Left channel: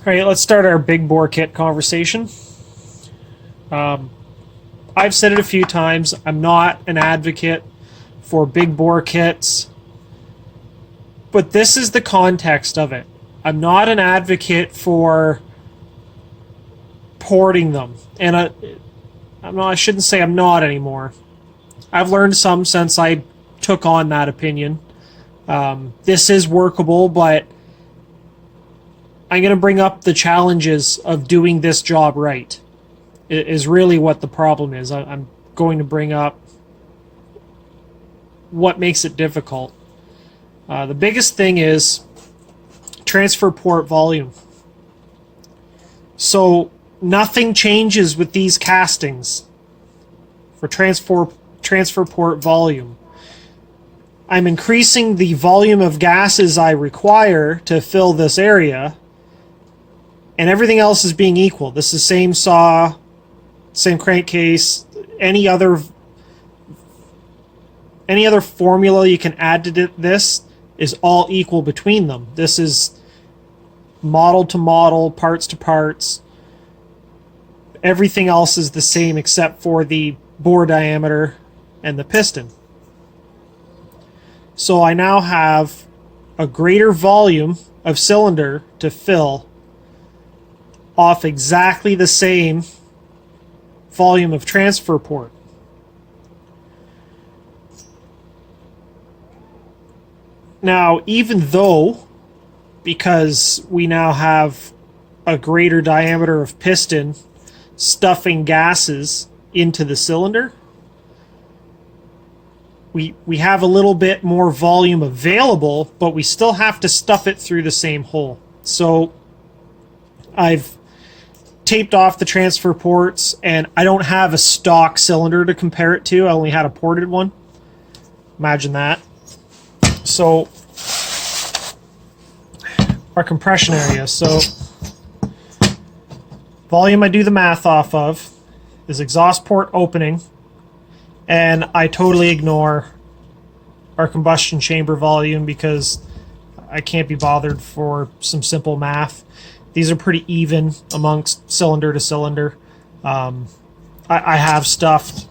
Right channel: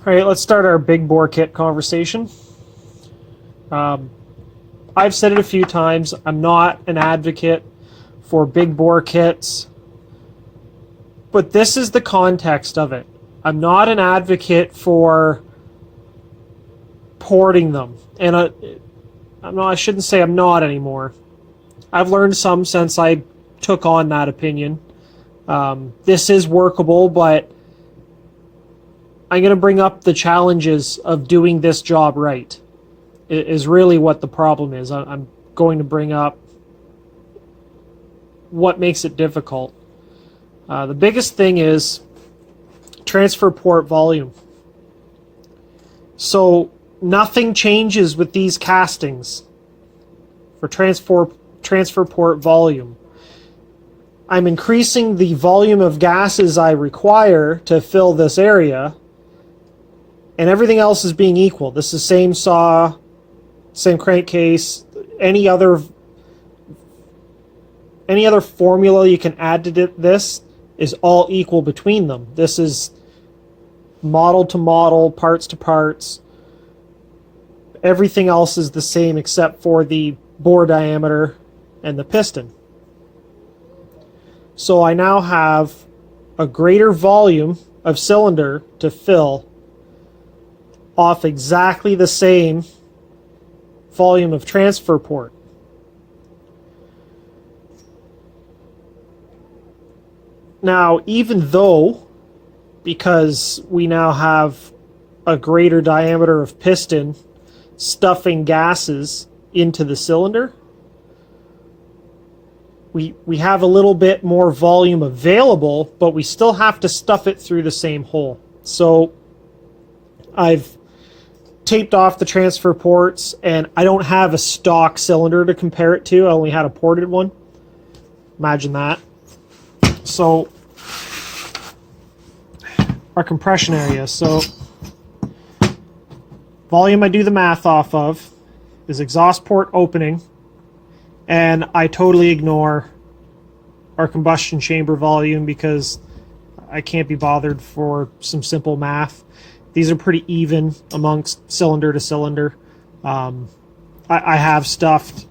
All right, let's start our big bore kit conversation. I've said it a few times. I'm not an advocate for big bore kits, but this is the context of it. I'm not an advocate for porting them, and I shouldn't say I'm not anymore. I've learned some since I took on that opinion. This is workable, but I'm going to bring up the challenges of doing this job right. It is really what the problem is. I'm going to bring up what makes it difficult. The biggest thing is transfer port volume. So nothing changes with these castings for transfer port volume. I'm increasing the volume of gases I require to fill this area, and everything else is being equal. This is same saw, same crankcase, any other formula you can add to this is all equal between them. This is model to model, parts to parts. Everything else is the same except for the bore diameter and the piston. So I now have a greater volume of cylinder to fill off exactly the same volume of transfer port. Now, even though, because we now have a greater diameter of piston stuffing gases into the cylinder, we have a little bit more volume available, but we still have to stuff it through the same hole. So I've taped off the transfer ports, and I don't have a stock cylinder to compare it to. I only had a ported one. Imagine that. So our compression area. So volume I do the math off of is exhaust port opening, and I totally ignore our combustion chamber volume because I can't be bothered for some simple math. These are pretty even amongst cylinder to cylinder. I have stuffed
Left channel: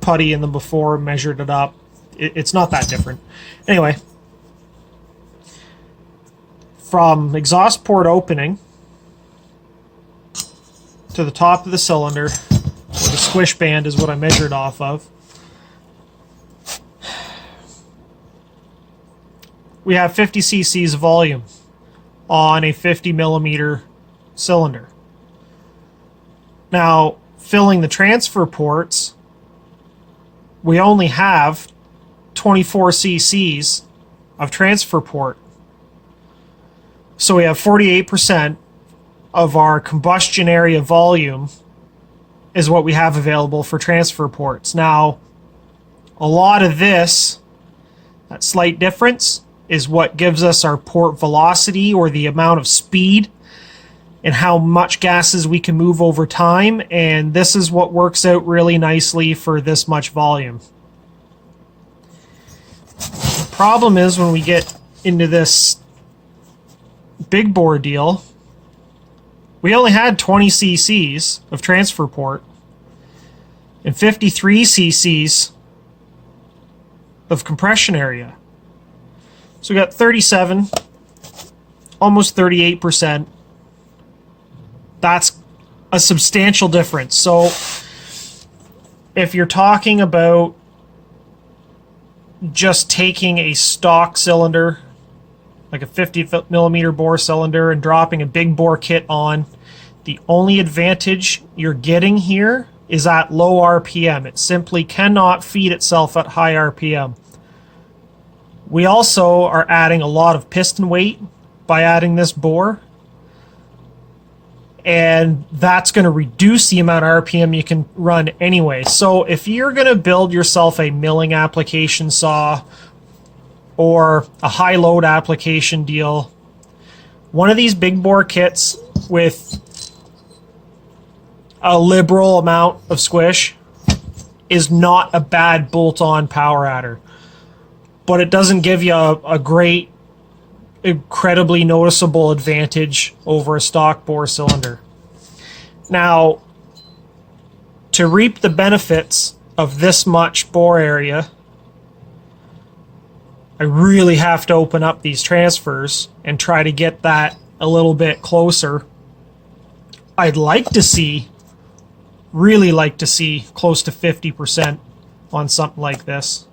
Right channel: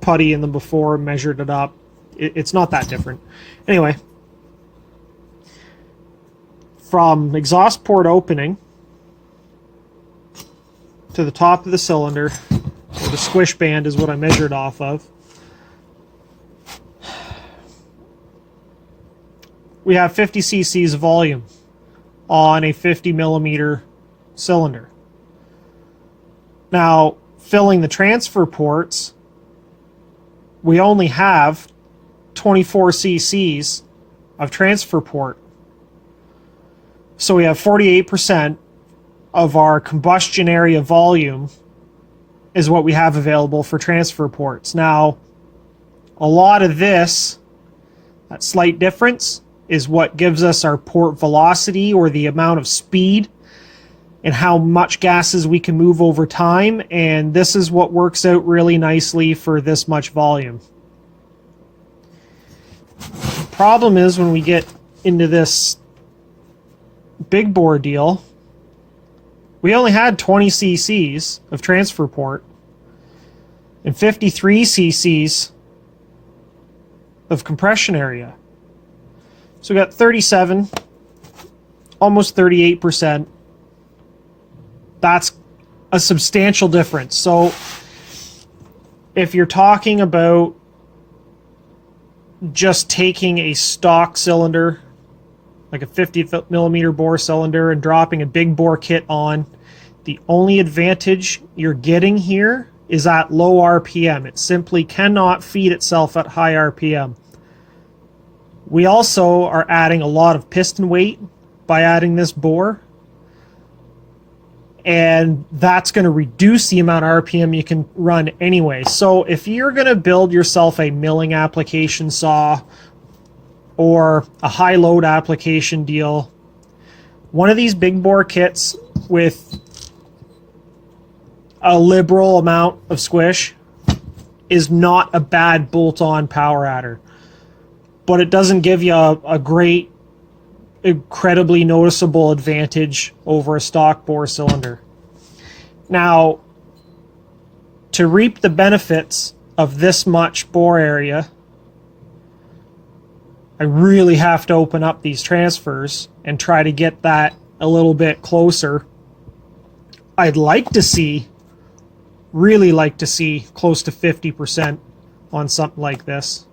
putty in them before, measured it up. It's not that different. Anyway, from exhaust port opening to the top of the cylinder, or the squish band is what I measured off of, we have 50 cc's of volume on a 50 millimeter cylinder. Now, filling the transfer ports, we only have 24 cc's of transfer port. So we have 48% of our combustion area volume is what we have available for transfer ports. Now, a lot of this, that slight difference, is what gives us our port velocity, or the amount of speed and how much gases we can move over time, and this is what works out really nicely for this much volume. The problem is when we get into this big bore deal, we only had 20 cc's of transfer port and 53 cc's of compression area. So we got 37, almost 38%. That's a substantial difference. So if you're talking about just taking a stock cylinder, like a 50 millimeter bore cylinder, and dropping a big bore kit on, the only advantage you're getting here is at low RPM. It simply cannot feed itself at high RPM. We also are adding a lot of piston weight by adding this bore, and that's going to reduce the amount of RPM you can run anyway. So if you're going to build yourself a milling application saw or a high load application deal, one of these big bore kits with a liberal amount of squish is not a bad bolt-on power adder, but it doesn't give you a great incredibly noticeable advantage over a stock bore cylinder. Now, to reap the benefits of this much bore area, I really have to open up these transfers and try to get that a little bit closer. I'd like to see, really like to see, close to 50% on something like this.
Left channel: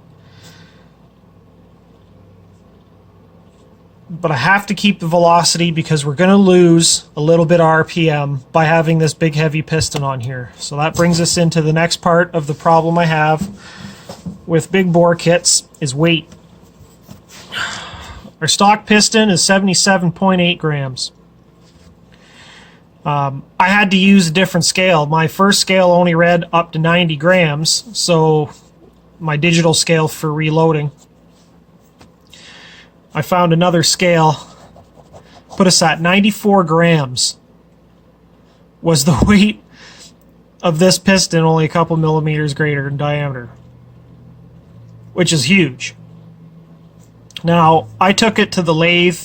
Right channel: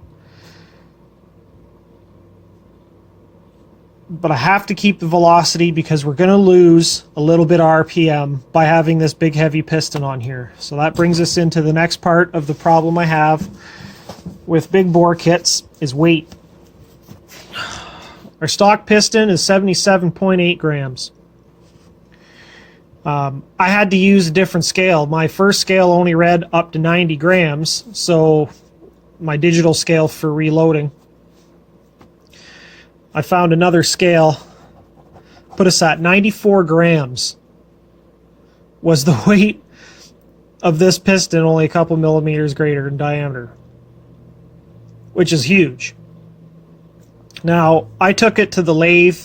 But I have to keep the velocity because we're going to lose a little bit of RPM by having this big heavy piston on here. So that brings us into the next part of the problem I have with big bore kits is weight. Our stock piston is 77.8 grams. I had to use a different scale. My first scale only read up to 90 grams, so my digital scale for reloading. I found another scale, put us at 94 grams was the weight of this piston, only a couple millimeters greater in diameter, which is huge. Now, I took it to the lathe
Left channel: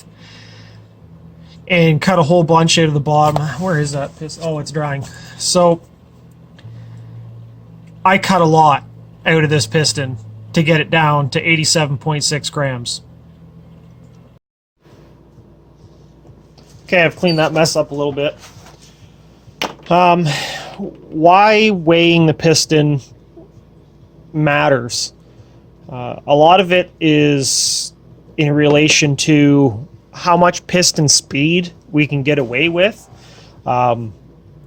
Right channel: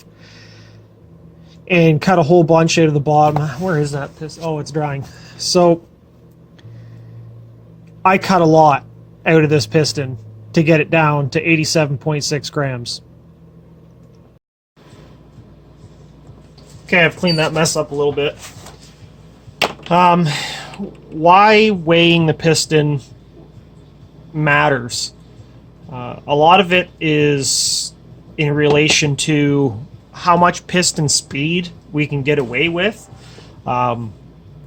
and cut a whole bunch out of the bottom. Where is that piston? Oh, it's drying. So I cut a lot out of this piston to get it down to 87.6 grams. Okay, I've cleaned that mess up a little bit. Why weighing the piston matters? A lot of it is in relation to how much piston speed we can get away with.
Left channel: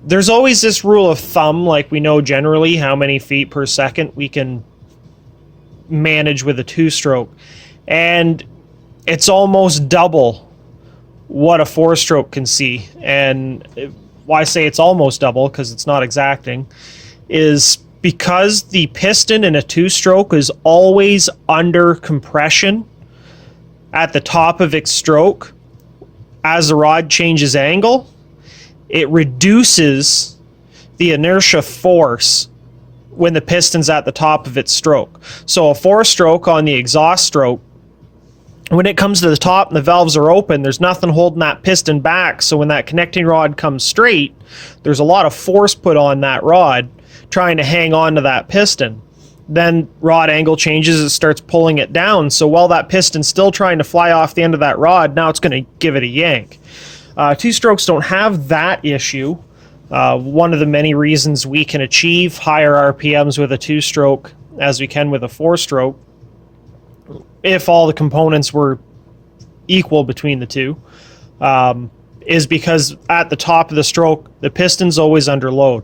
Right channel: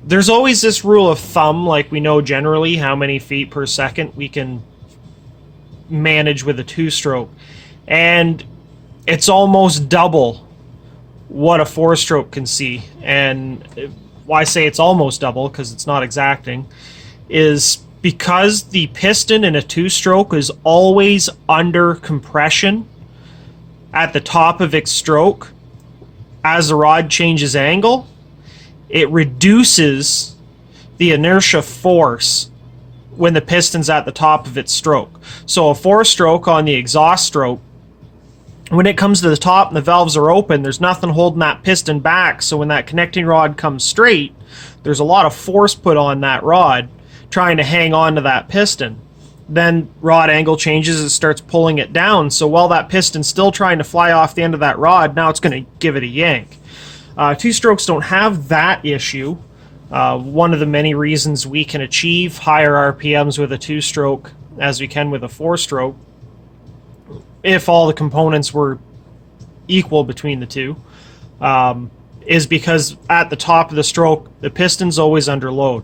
There's always this rule of thumb, like we know generally how many feet per second we can manage with a two-stroke. And it's almost double what a four-stroke can see. And why I say it's almost double, because it's not exacting, is because the piston in a two-stroke is always under compression at the top of its stroke. As the rod changes angle, it reduces the inertia force when the piston's at the top of its stroke. So a four-stroke on the exhaust stroke, when it comes to the top and the valves are open, there's nothing holding that piston back. So when that connecting rod comes straight, there's a lot of force put on that rod trying to hang on to that piston. Then rod angle changes, it starts pulling it down. So while that piston's still trying to fly off the end of that rod, now it's going to give it a yank. Two-strokes don't have that issue. One of the many reasons we can achieve higher RPMs with a two-stroke as we can with a four-stroke, if all the components were equal between the two, is because at the top of the stroke, the piston's always under load.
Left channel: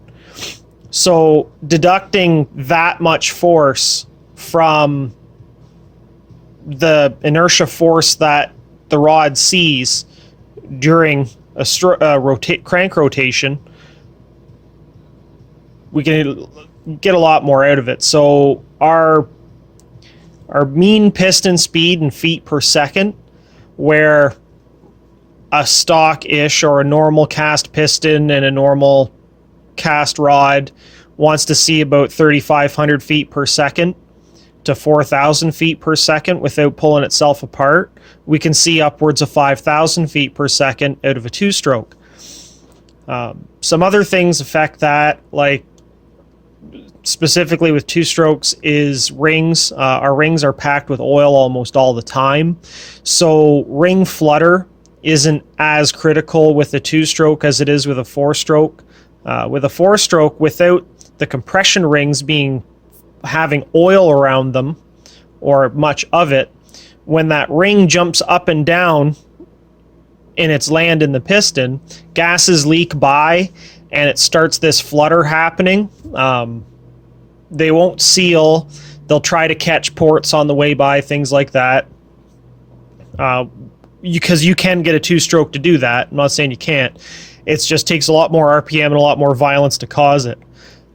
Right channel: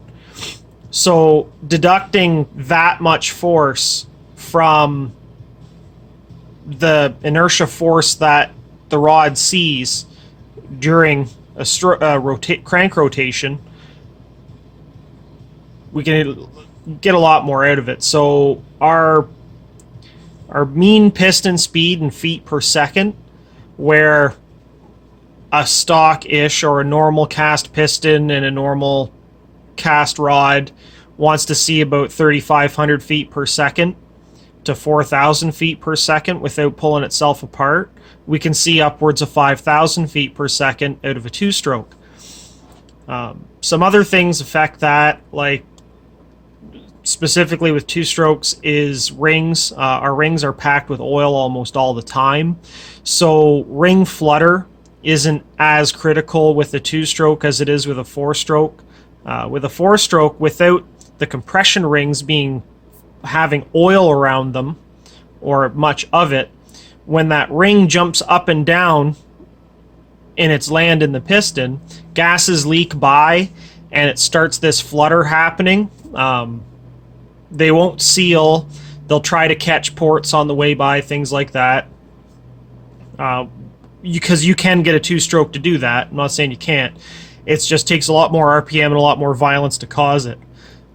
So deducting that much force from the inertia force that the rod sees during a crank rotation, we can get a lot more out of it. So our mean piston speed in feet per second, where a stock-ish or a normal cast piston and a normal cast rod wants to see about 3,500 feet per second to 4,000 feet per second without pulling itself apart, we can see upwards of 5,000 feet per second out of a two-stroke. Some other things affect that, like specifically with two strokes, is rings. Our rings are packed with oil almost all the time. So ring flutter isn't as critical with a two-stroke as it is with a four-stroke. With a four-stroke, without the compression rings having oil around them, or much of it, when that ring jumps up and down in its land in the piston, gases leak by and it starts this flutter happening. They won't seal. They'll try to catch ports on the way by, things like that. Because you can get a two-stroke to do that. I'm not saying you can't. It just takes a lot more RPM and a lot more violence to cause it.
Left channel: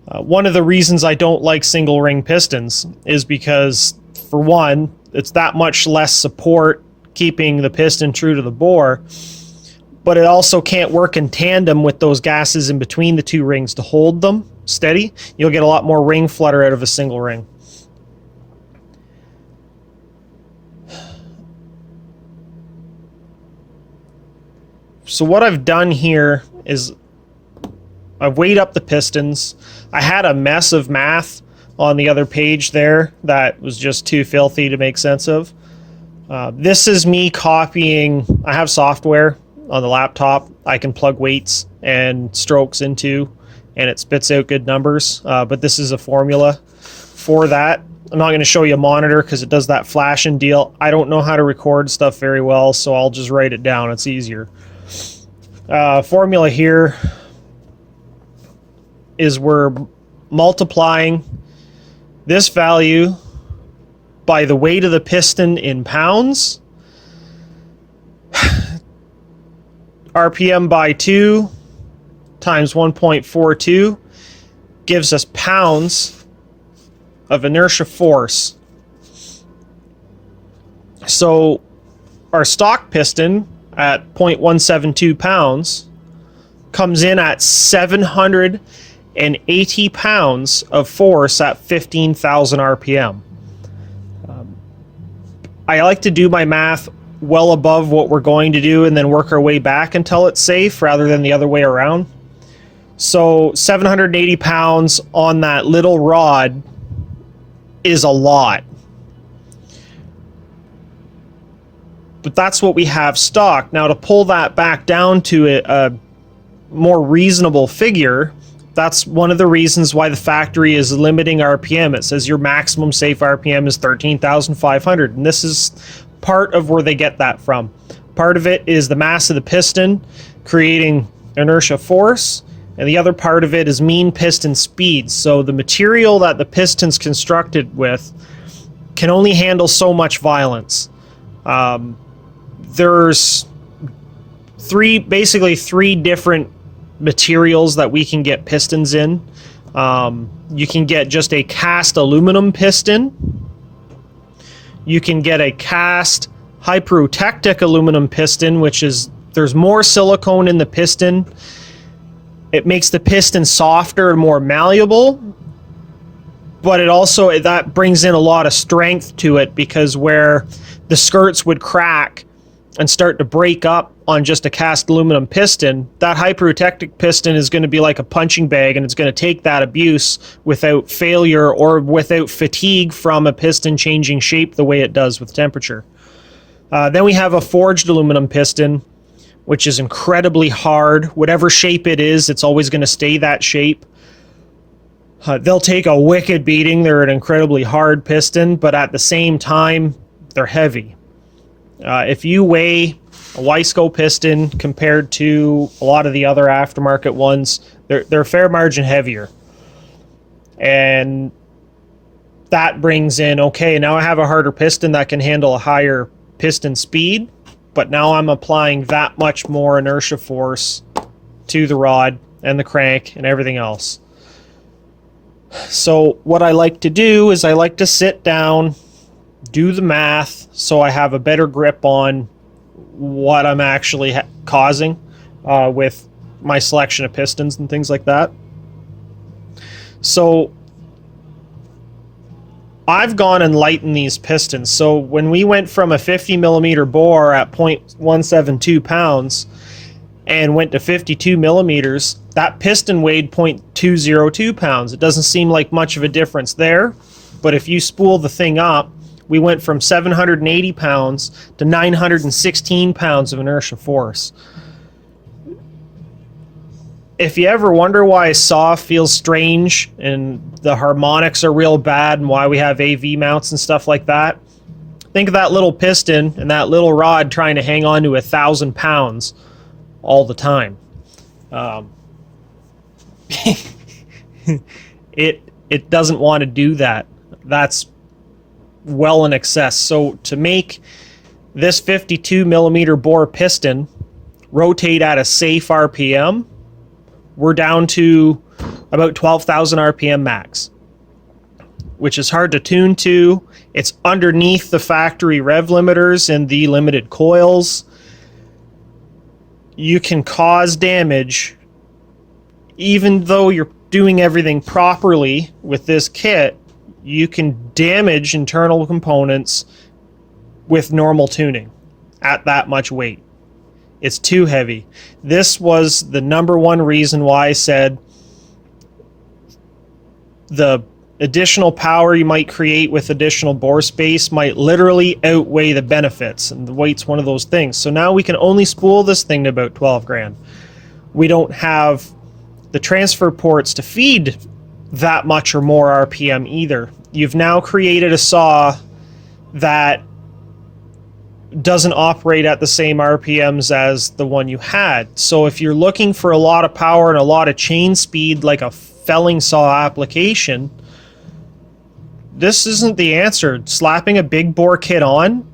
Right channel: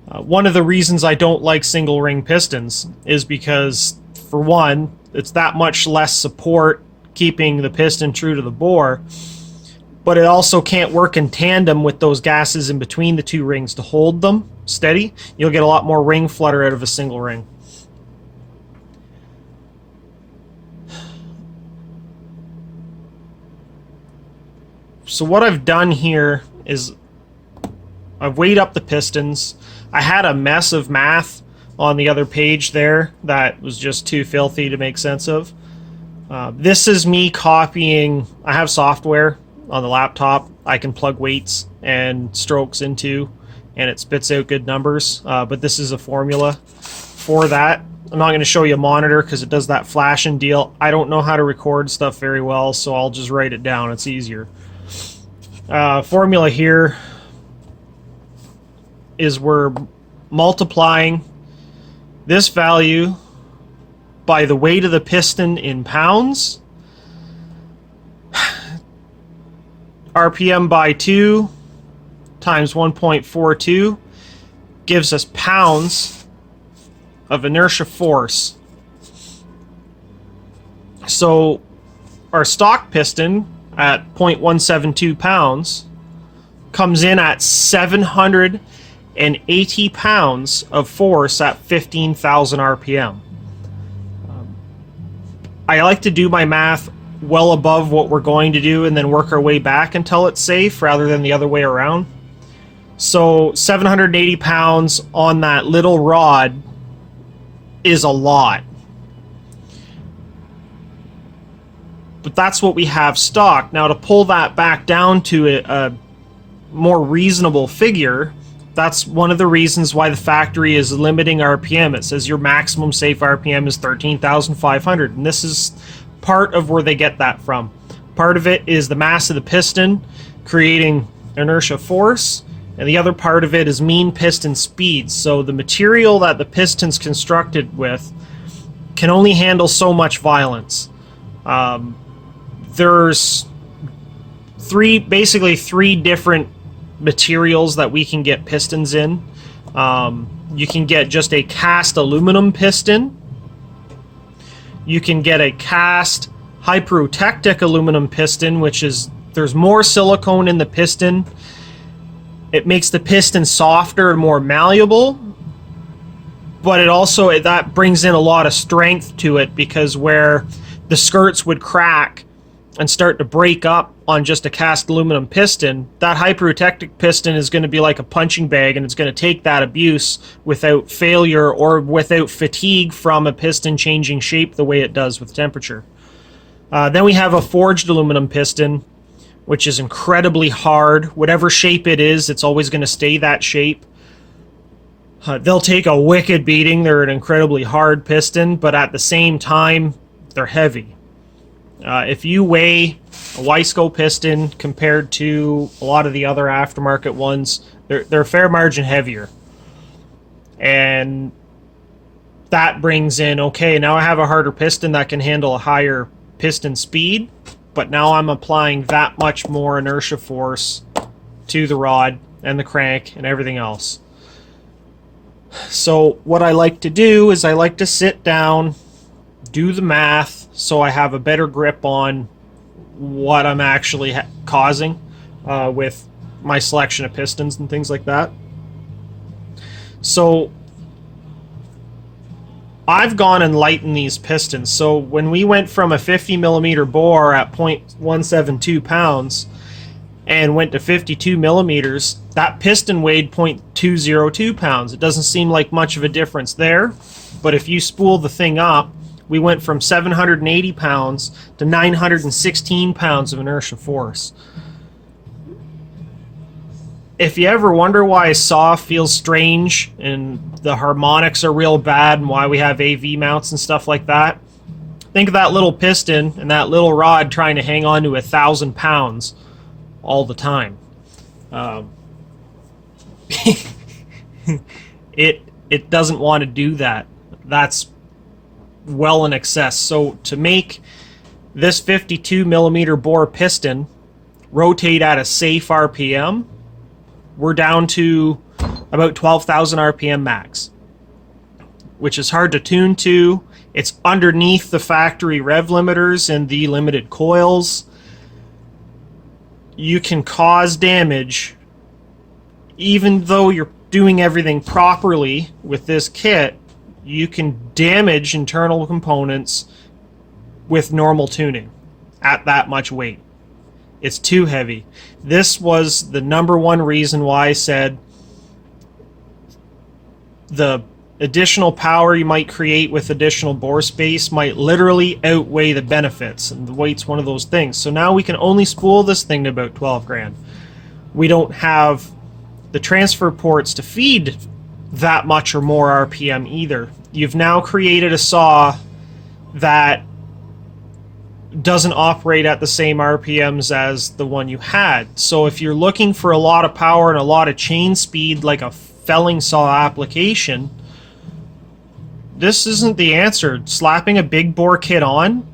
One of the reasons I don't like single ring pistons is because, for one, it's that much less support keeping the piston true to the bore, but it also can't work in tandem with those gases in between the two rings to hold them steady. You'll get a lot more ring flutter out of a single ring. So what I've done here is I've weighed up the pistons. I had a mess of math on the other page there that was just too filthy to make sense of. This is me copying. I have software on the laptop I can plug weights and strokes into, and it spits out good numbers. But this is a formula for that. I'm not going to show you a monitor because it does that flashing deal. I don't know how to record stuff very well, so I'll just write it down. It's easier. Formula here is we're multiplying this value by the weight of the piston in pounds, RPM by 2 times 1.42 gives us pounds of inertia force. So our stock piston at 0.172 pounds comes in at 780 pounds of force at 15,000 RPM. I like to do my math well above what we're going to do and then work our way back until it's safe rather than the other way around. So 780 pounds on that little rod is a lot. But that's what we have stock. Now to pull that back down to a more reasonable figure, that's one of the reasons why the factory is limiting RPM. It says your maximum safe RPM is 13,500, and this is part of where they get that from. Part of it is the mass of the piston creating inertia force, and the other part of it is mean piston speed. So the material that the piston's constructed with can only handle so much violence. There's basically three different materials that we can get pistons in. You can get just a cast aluminum piston. You can get a cast hyperotectic aluminum piston, which is there's more silicone in the piston. It makes the piston softer and more malleable, but it also that brings in a lot of strength to it, because where the skirts would crack and start to break up on just a cast aluminum piston, that hyperotectic piston is going to be like a punching bag, and it's going to take that abuse without failure or without fatigue from a piston changing shape the way it does with temperature. Then we have a forged aluminum piston, which is incredibly hard. Whatever shape it is, it's always going to stay that shape. They'll take a wicked beating. They're an incredibly hard piston, but at the same time, they're heavy. If you weigh a Wiseco piston compared to a lot of the other aftermarket ones, they're a fair margin heavier. And that brings in, okay, now I have a harder piston that can handle a higher piston speed, but now I'm applying that much more inertia force to the rod and the crank and everything else. So what I like to do is I like to sit down, do the math, so I have a better grip on what I'm actually causing with my selection of pistons and things like that. So I've gone and lightened these pistons. So when we went from a 50 millimeter bore at 0.172 pounds and went to 52 millimeters, that piston weighed 0.202 pounds. It doesn't seem like much of a difference there, but if you spool the thing up, we went from 780 pounds to 916 pounds of inertia force. If you ever wonder why a saw feels strange and the harmonics are real bad and why we have AV mounts and stuff like that, think of that little piston and that little rod trying to hang on to 1,000 pounds all the time. It doesn't want to do that. That's well in excess. So to make this 52 millimeter bore piston rotate at a safe RPM, we're down to about 12,000 RPM max, which is hard to tune to. It's underneath the factory rev limiters and the limited coils. You can cause damage even though you're doing everything properly with this kit. You can damage internal components with normal tuning at that much weight. It's too heavy. This was the number one reason why I said the additional power you might create with additional bore space might literally outweigh the benefits, and the weight's one of those things. So now we can only spool this thing to about 12 grand. We don't have the transfer ports to feed that much or more RPM either. You've now created a saw that doesn't operate at the same RPMs as the one you had. So if you're looking for a lot of power and a lot of chain speed like a felling saw application, this isn't the answer. Slapping a big bore kit on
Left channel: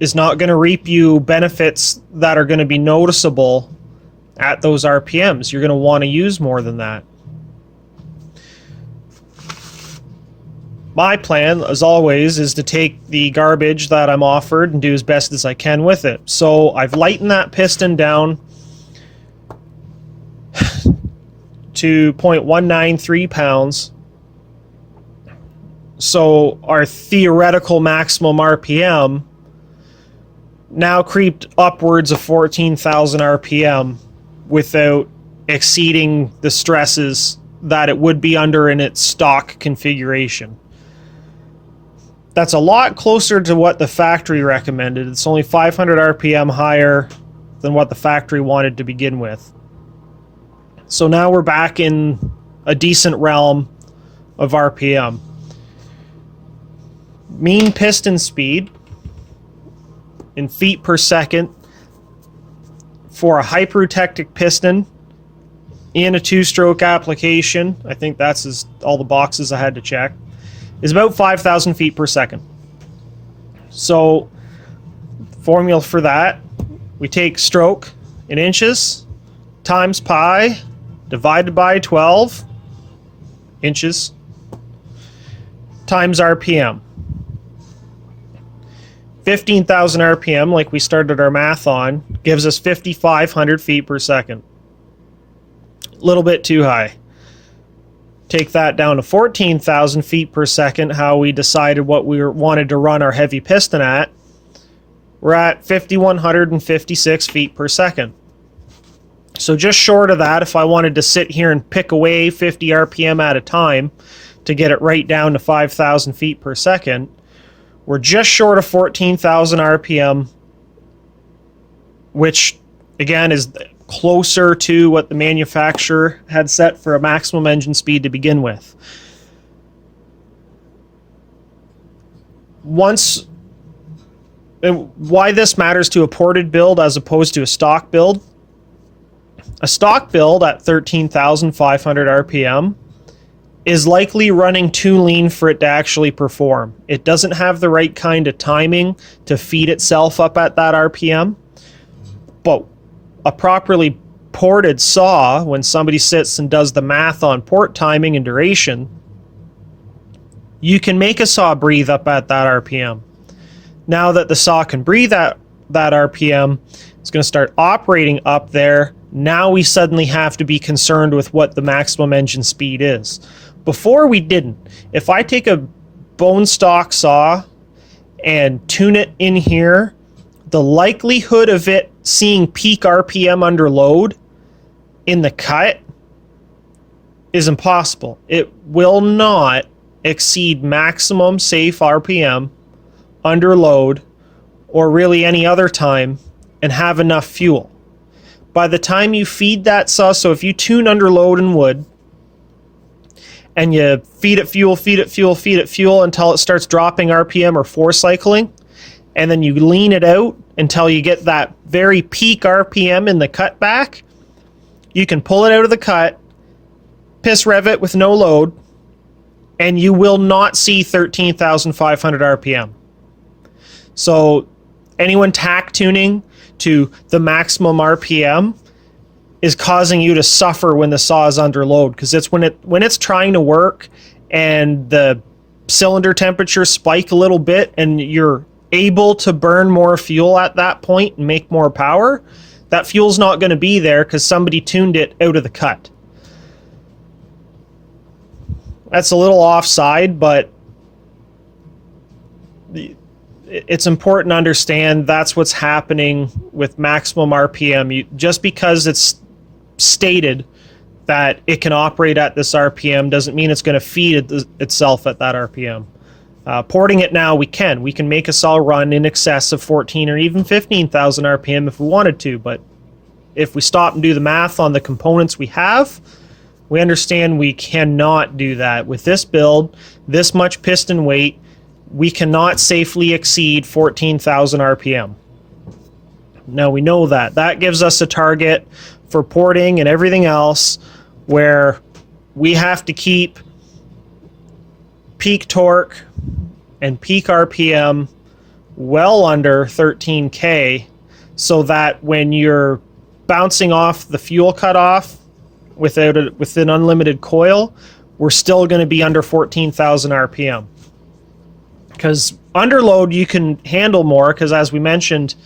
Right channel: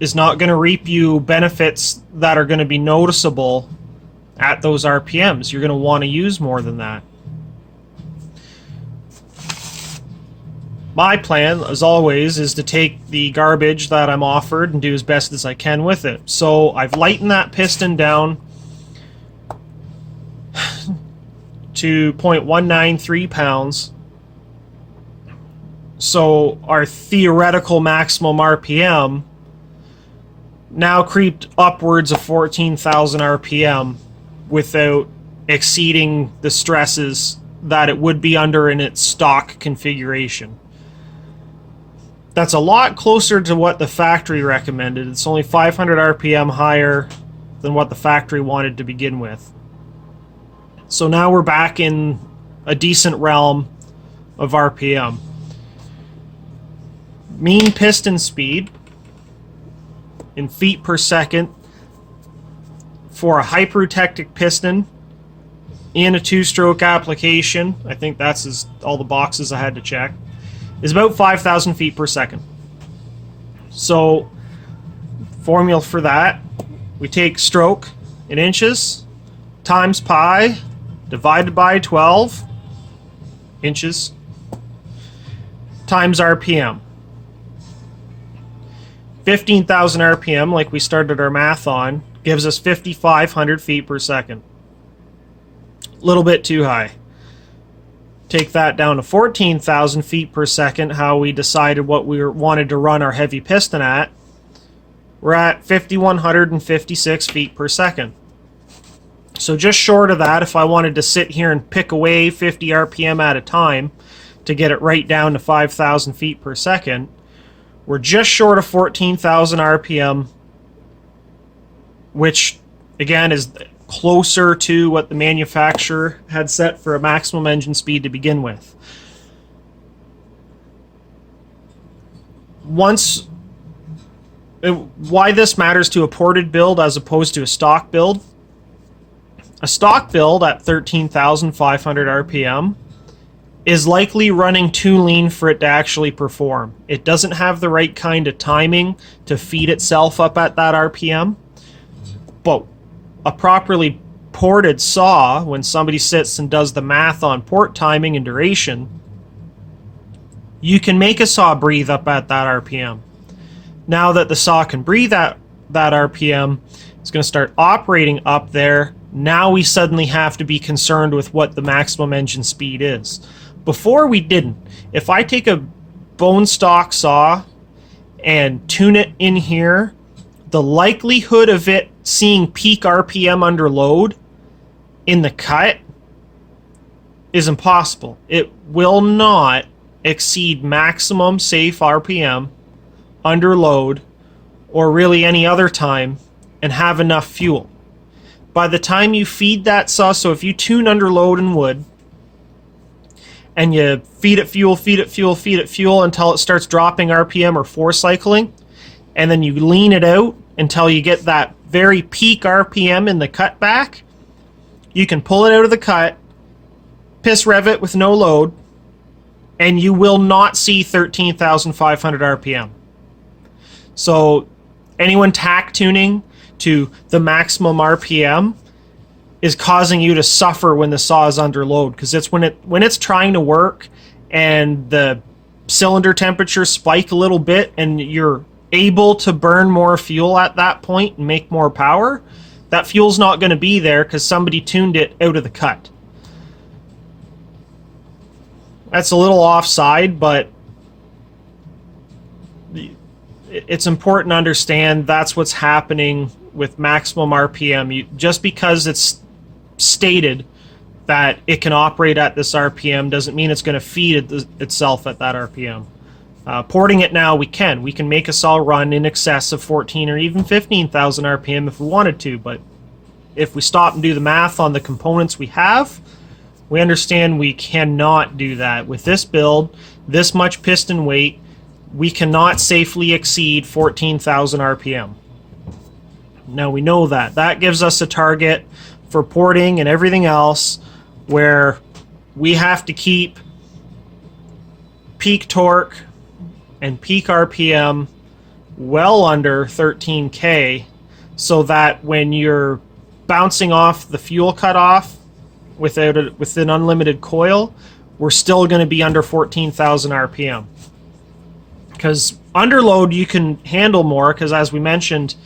is not going to reap you benefits that are going to be noticeable at those RPMs. You're going to want to use more than that. My plan, as always, is to take the garbage that I'm offered and do as best as I can with it. So I've lightened that piston down to 0.193 pounds. So our theoretical maximum RPM now creeped upwards of 14,000 RPM without exceeding the stresses that it would be under in its stock configuration. That's a lot closer to what the factory recommended. It's only 500 RPM higher than what the factory wanted to begin with. So now we're back in a decent realm of RPM. Mean piston speed in feet per second for a hypertectic piston in a two-stroke application, I think that's all the boxes I had to check, is about 5,000 feet per second. So, formula for that, we take stroke in inches times pi divided by 12 inches times RPM. 15,000 RPM, like we started our math on, gives us 5,500 feet per second. A little bit too high. Take that down to 14,000 feet per second, how we decided what we wanted to run our heavy piston at. We're at 5,156 feet per second. So just short of that, if I wanted to sit here and pick away 50 RPM at a time to get it right down to 5,000 feet per second, we're just short of 14,000 RPM, which again is closer to what the manufacturer had set for a maximum engine speed to begin with. Why this matters to a ported build as opposed to a stock build. A stock build at 13,500 RPM is likely running too lean for it to actually perform. It doesn't have the right kind of timing to feed itself up at that RPM. But a properly ported saw, when somebody sits and does the math on port timing and duration, you can make a saw breathe up at that RPM. Now that the saw can breathe at that RPM, it's going to start operating up there. Now we suddenly have to be concerned with what the maximum engine speed is. Before we didn't. If I take a bone stock saw and tune it in here, the likelihood of it seeing peak RPM under load in the cut is impossible. It will not exceed maximum safe RPM under load or really any other time and have enough fuel. By the time you feed that saw, so if you tune under load in wood and you feed it fuel, feed it fuel, feed it fuel until it starts dropping RPM or force cycling, and then you lean it out until you get that very peak RPM in the cut back, you can pull it out of the cut, piss rev it with no load, and you will not see 13,500 RPM. So anyone tack tuning to the maximum RPM is causing you to suffer when the saw is under load, because it's when it's trying to work and the cylinder temperature spike a little bit and you're able to burn more fuel at that point and make more power, that fuel's not going to be there because somebody tuned it out of the cut. That's a little offside, but it's important to understand that's what's happening with maximum RPM. Just because it's stated that it can operate at this RPM doesn't mean it's going to feed itself at that RPM. Porting it now, we can make a cell run in excess of 14 or even 15,000 RPM if we wanted to, but if we stop and do the math on the components we have, we understand we cannot do that. With this build, this much piston weight, we cannot safely exceed 14,000 RPM. Now we know that. That gives us a target for porting and everything else where we have to keep peak torque and peak RPM well under 13K, so that when you're bouncing off the fuel cutoff with an unlimited coil, we're still going to be under 14,000 RPM. Because under load you can handle more, because as we mentioned,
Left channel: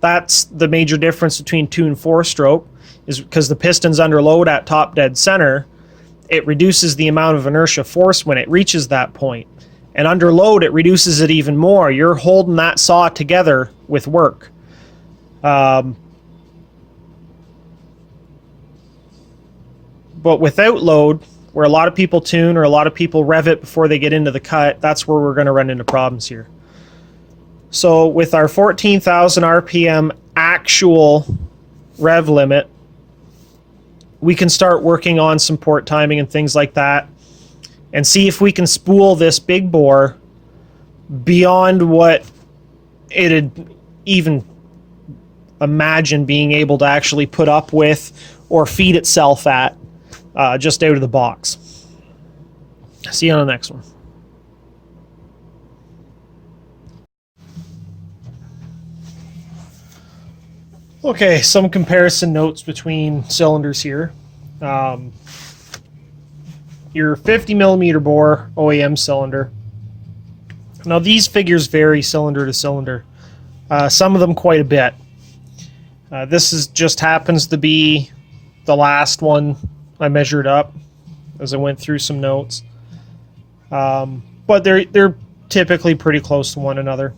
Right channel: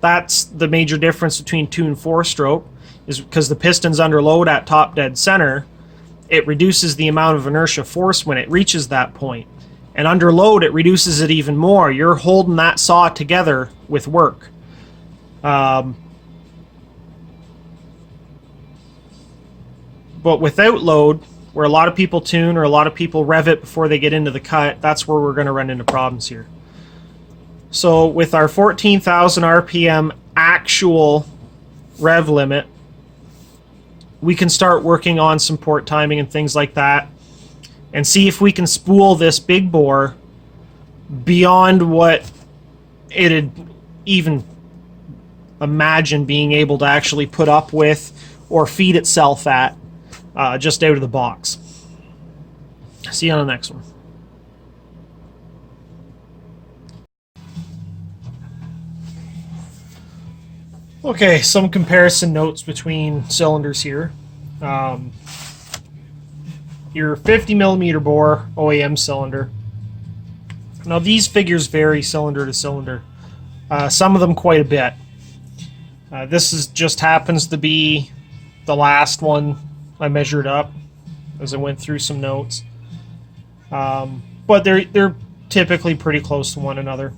that's the major difference between 2 and 4 stroke, is because the piston's under load at top dead center, it reduces the amount of inertia force when it reaches that point. And under load, it reduces it even more. You're holding that saw together with work. But without load, where a lot of people tune or a lot of people rev it before they get into the cut, that's where we're going to run into problems here. So with our 14,000 RPM actual rev limit, we can start working on some port timing and things like that, and see if we can spool this big bore beyond what it'd even imagine being able to actually put up with or feed itself at just out of the box. See you on the next one. Okay, some comparison notes between cylinders here. Your 50 millimeter bore OEM cylinder. Now these figures vary cylinder to cylinder. Some of them quite a bit. This just happens to be the last one I measured up as I went through some notes. But they're typically pretty close to one another.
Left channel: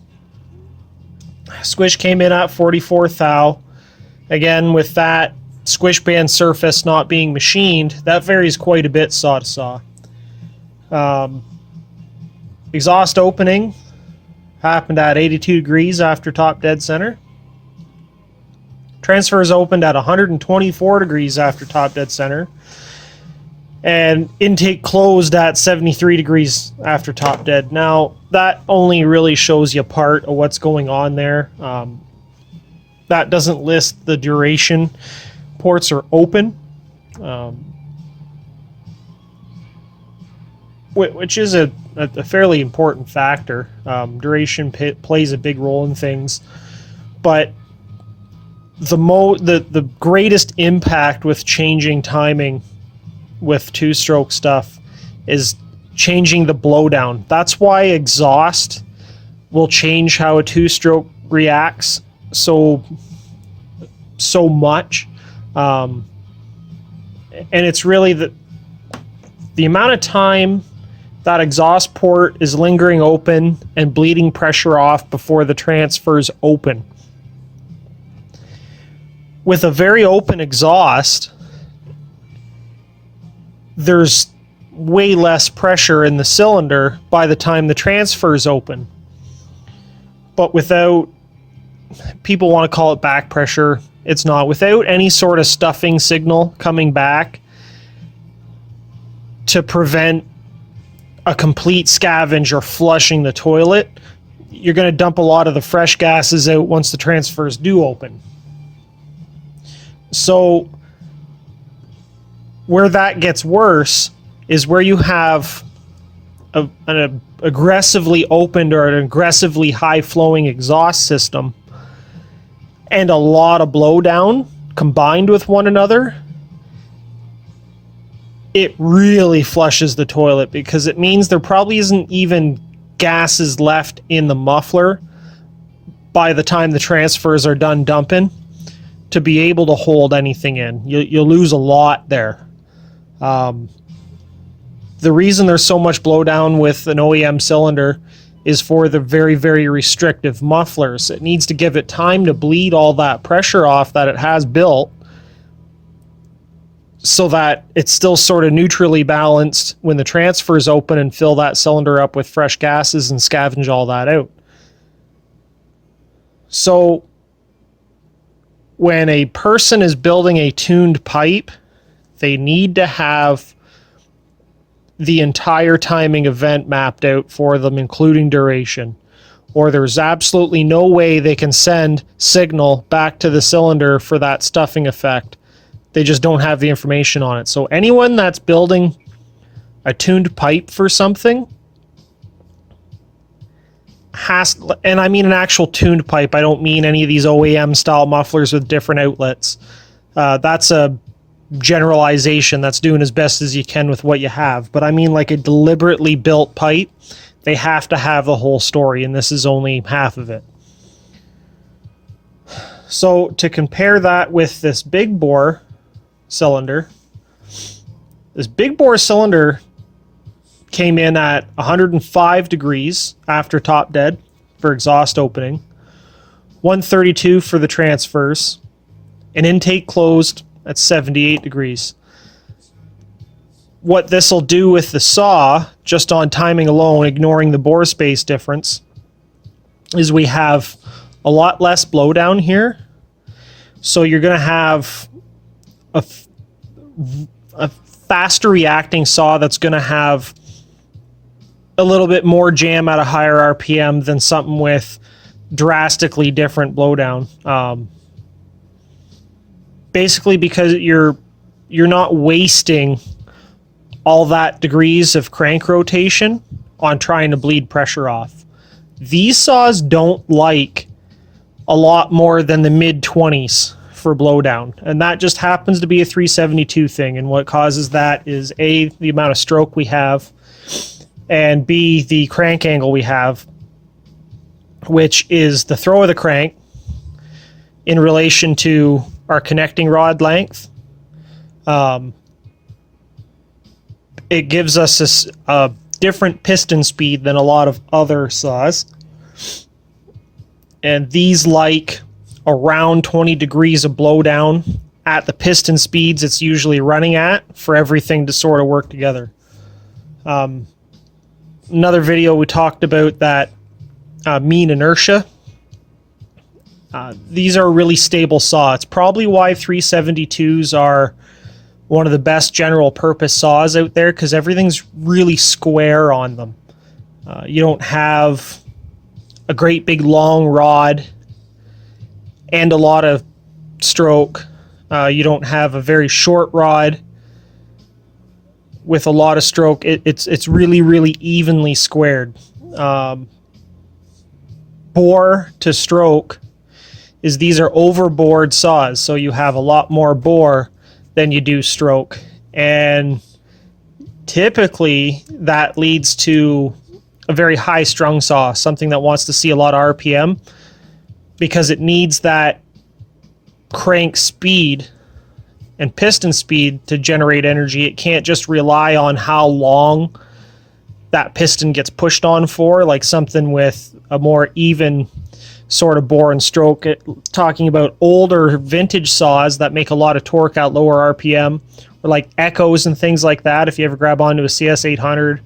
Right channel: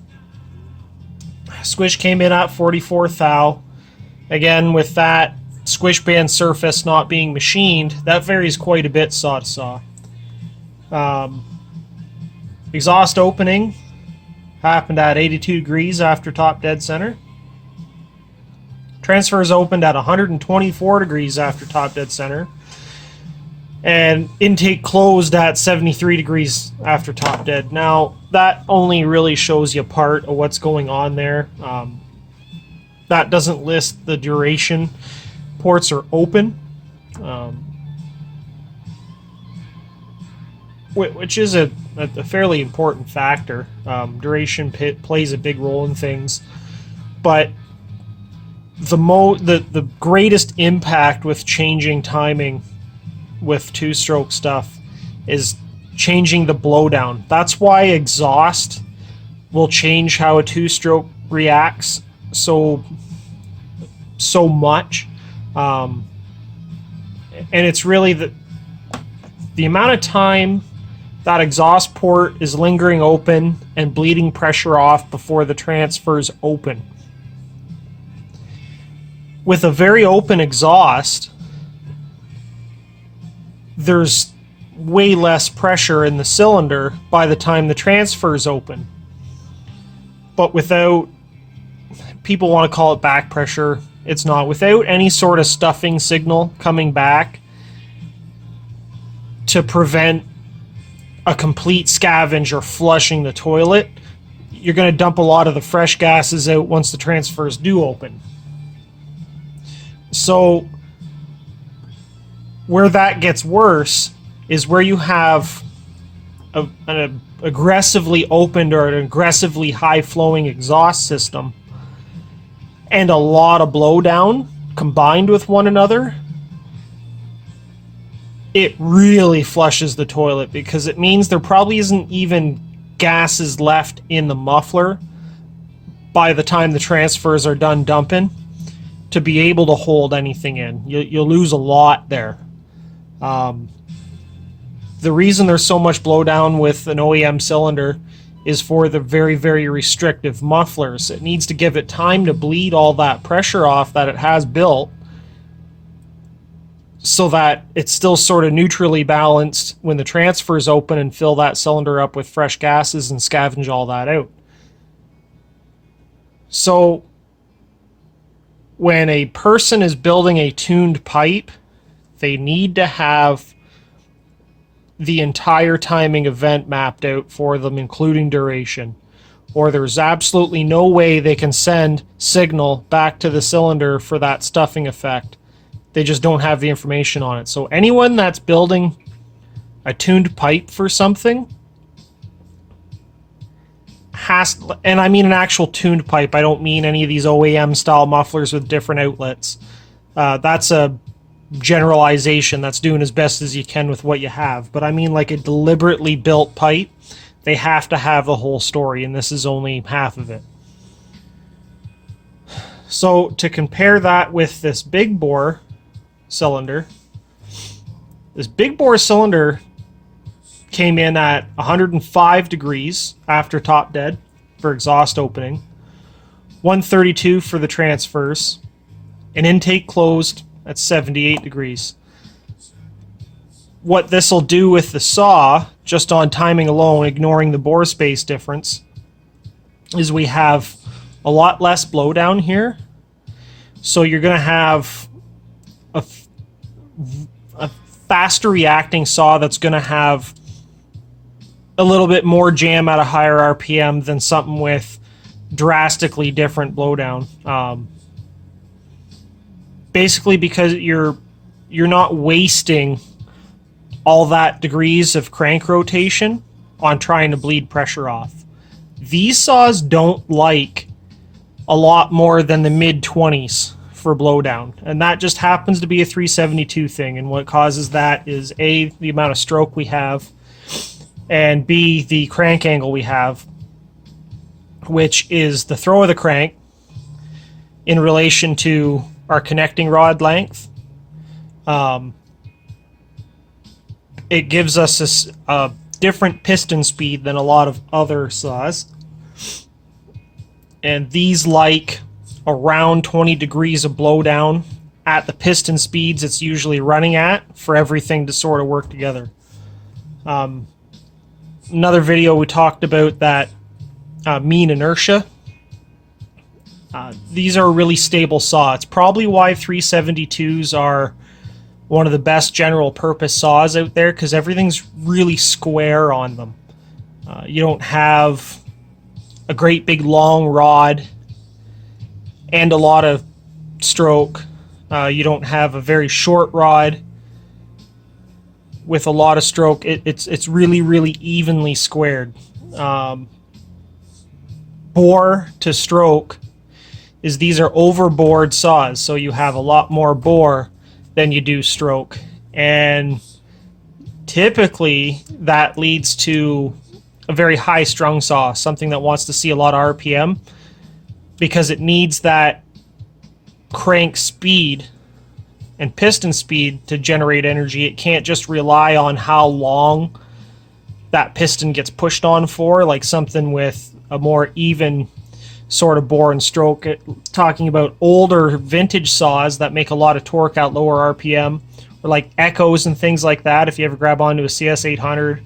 Squish came in at 44 thou. Again, with that squish band surface not being machined, that varies quite a bit saw to saw. Exhaust opening happened at 82 degrees after top dead center. Transfers opened at 124 degrees after top dead center. And intake closed at 73 degrees after top dead. Now, that only really shows you part of what's going on there. That doesn't list the duration. Ports are open, which is a fairly important factor. Duration plays a big role in things, but the greatest impact with changing timing with two-stroke stuff is changing the blowdown. That's why exhaust will change how a two-stroke reacts so much. And it's really the amount of time that exhaust port is lingering open and bleeding pressure off before the transfers open. With a very open exhaust, there's way less pressure in the cylinder by the time the transfers open. But without, people want to call it back pressure, it's not. Without any sort of stuffing signal coming back to prevent a complete scavenge or flushing the toilet, you're going to dump a lot of the fresh gases out once the transfers do open. So where that gets worse is where you have an aggressively opened or an aggressively high-flowing exhaust system and a lot of blowdown combined with one another. It really flushes the toilet, because it means there probably isn't even gases left in the muffler by the time the transfers are done dumping to be able to hold anything in. You'll lose a lot there. The reason there's so much blowdown with an OEM cylinder is for the very, very restrictive mufflers. It needs to give it time to bleed all that pressure off that it has built, so that it's still sort of neutrally balanced when the transfers open and fill that cylinder up with fresh gases and scavenge all that out. So when a person is building a tuned pipe, they need to have the entire timing event mapped out for them, including duration, or there's absolutely no way they can send signal back to the cylinder for that stuffing effect. They just don't have the information on it. So anyone that's building a tuned pipe for something has, and I mean an actual tuned pipe, I don't mean any of these OEM style mufflers with different outlets. That's a generalization. That's doing as best as you can with what you have. But I mean like a deliberately built pipe, they have to have the whole story, and this is only half of it. So to compare that with this big bore cylinder, this big bore cylinder came in at 105 degrees after top dead for exhaust opening, 132 for the transfers, and intake closed at 78 degrees. What this will do with the saw, just on timing alone, ignoring the bore space difference, is we have a lot less blowdown here. So you're going to have a faster reacting saw that's going to have a little bit more jam at a higher RPM than something with drastically different blowdown. Basically because you're not wasting all that degrees of crank rotation on trying to bleed pressure off. These saws don't like a lot more than the mid-20s for blowdown, and that just happens to be a 372 thing. And what causes that is A, the amount of stroke we have, and B, the crank angle we have, which is the throw of the crank in relation to our connecting rod length. It gives us a different piston speed than a lot of other saws, and these like around 20 degrees of blowdown at the piston speeds it's usually running at for everything to sort of work together. Another video we talked about that mean inertia. These are a really stable saw. It's probably why 372s are one of the best general purpose saws out there, because everything's really square on them. You don't have a great big long rod and a lot of stroke. You don't have a very short rod with a lot of stroke. It's really, really evenly squared. Bore to stroke is these are overbored saws, so you have a lot more bore than you do stroke, and typically that leads to a very high strung saw, something that wants to see a lot of RPM, because it needs that crank speed and piston speed to generate energy. It can't just rely on how long that piston gets pushed on for, like something with a more even sort of bore and stroke. Talking about older vintage saws that make a lot of torque at lower RPM, or like Echoes and things like that, if you ever grab onto a CS800,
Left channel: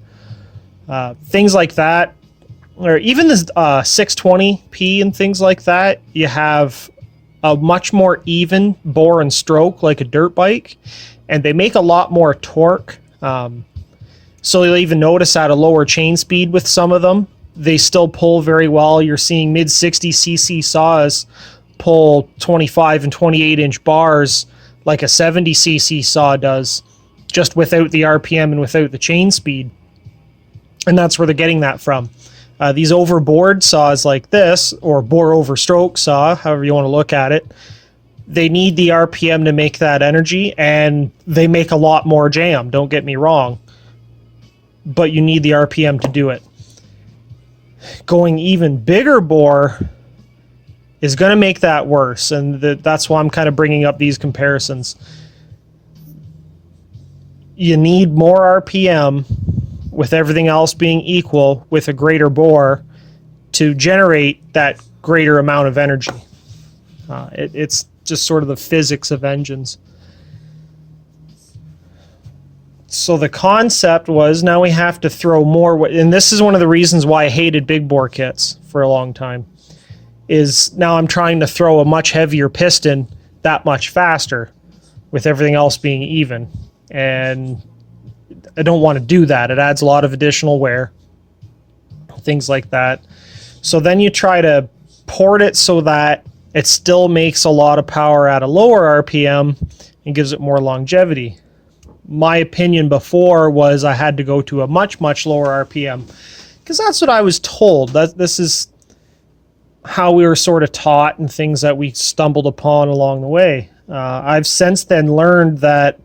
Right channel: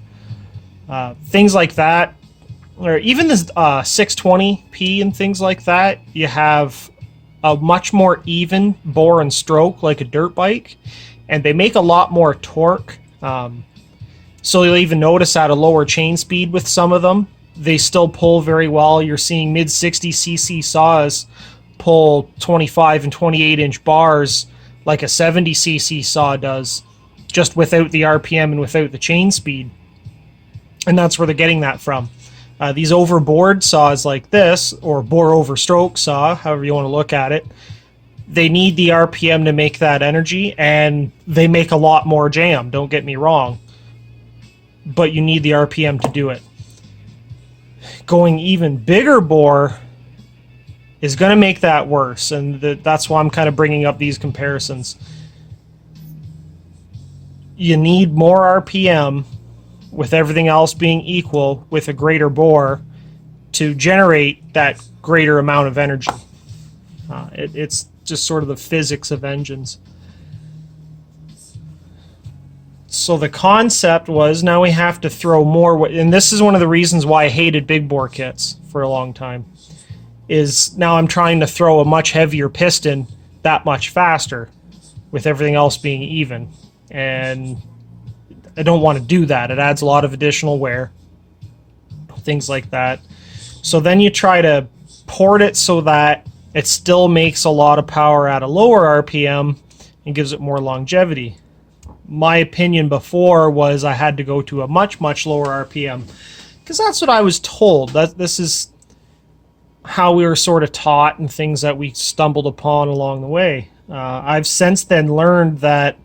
things like that, or even the 620p and things like that, you have a much more even bore and stroke like a dirt bike, and they make a lot more torque. So you'll even notice at a lower chain speed with some of them, they still pull very well. You're seeing mid 60cc saws pull 25 and 28 inch bars like a 70cc saw does, just without the RPM and without the chain speed. And that's where they're getting that from. These overboard saws like this, or bore over stroke saw, however you want to look at it, they need the RPM to make that energy, and they make a lot more jam, don't get me wrong, but you need the RPM to do it. Going even bigger bore is going to make that worse, and that's why I'm kind of bringing up these comparisons. You need more RPM with everything else being equal with a greater bore, to generate that greater amount of energy. It's just sort of the physics of engines. So the concept was, now we have to throw more, and this is one of the reasons why I hated big bore kits for a long time, is now I'm trying to throw a much heavier piston that much faster with everything else being even. And I don't want to do that. It adds a lot of additional wear, things like that. So then you try to port it so that it still makes a lot of power at a lower RPM and gives it more longevity. My opinion before was I had to go to a much, much lower RPM, because that's what I was told. This is how we were sort of taught and things that we stumbled upon along the way. I've since then learned that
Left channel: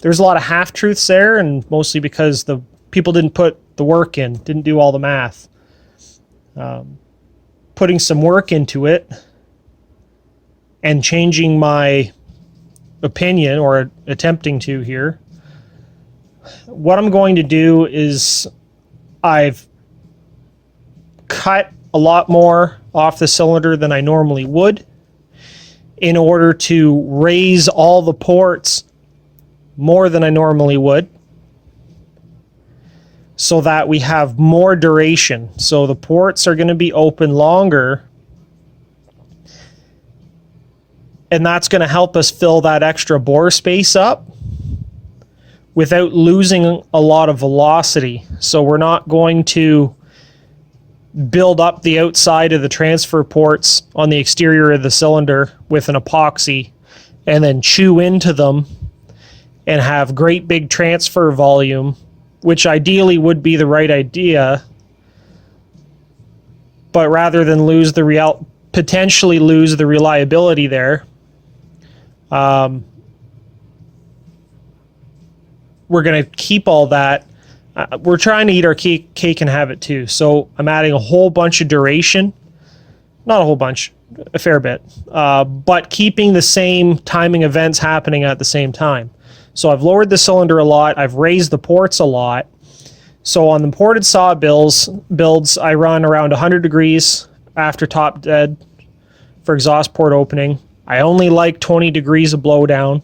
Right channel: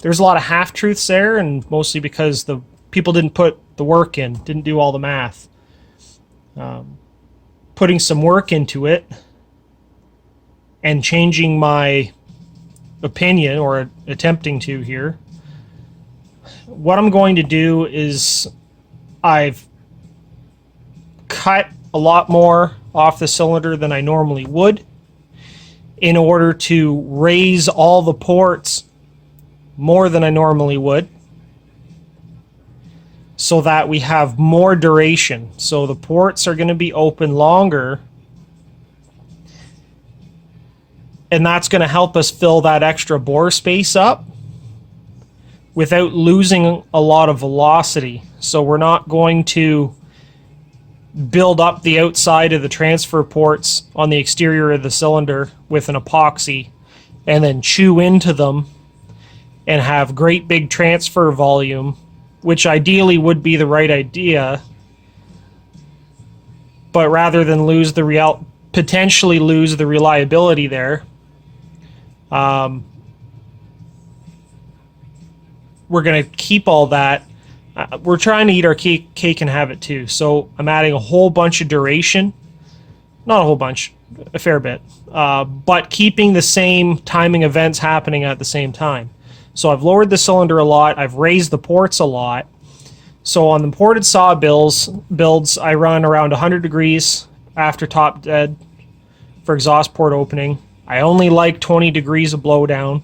there's a lot of half-truths there, and mostly because the people didn't put the work in, didn't do all the math. Putting some work into it and changing my opinion, or attempting to here, what I'm going to do is I've cut a lot more off the cylinder than I normally would in order to raise all the ports more than I normally would, so that we have more duration. So the ports are going to be open longer, and that's going to help us fill that extra bore space up without losing a lot of velocity. So we're not going to build up the outside of the transfer ports on the exterior of the cylinder with an epoxy and then chew into them and have great big transfer volume, which ideally would be the right idea. But rather than potentially lose the reliability there, we're going to keep all that. We're trying to eat our cake and have it too. So I'm adding a whole bunch of duration. Not a whole bunch, a fair bit. But keeping the same timing events happening at the same time. So I've lowered the cylinder a lot. I've raised the ports a lot. So on the ported saw builds, I run around 100 degrees after top dead for exhaust port opening. I only like 20 degrees of blowdown.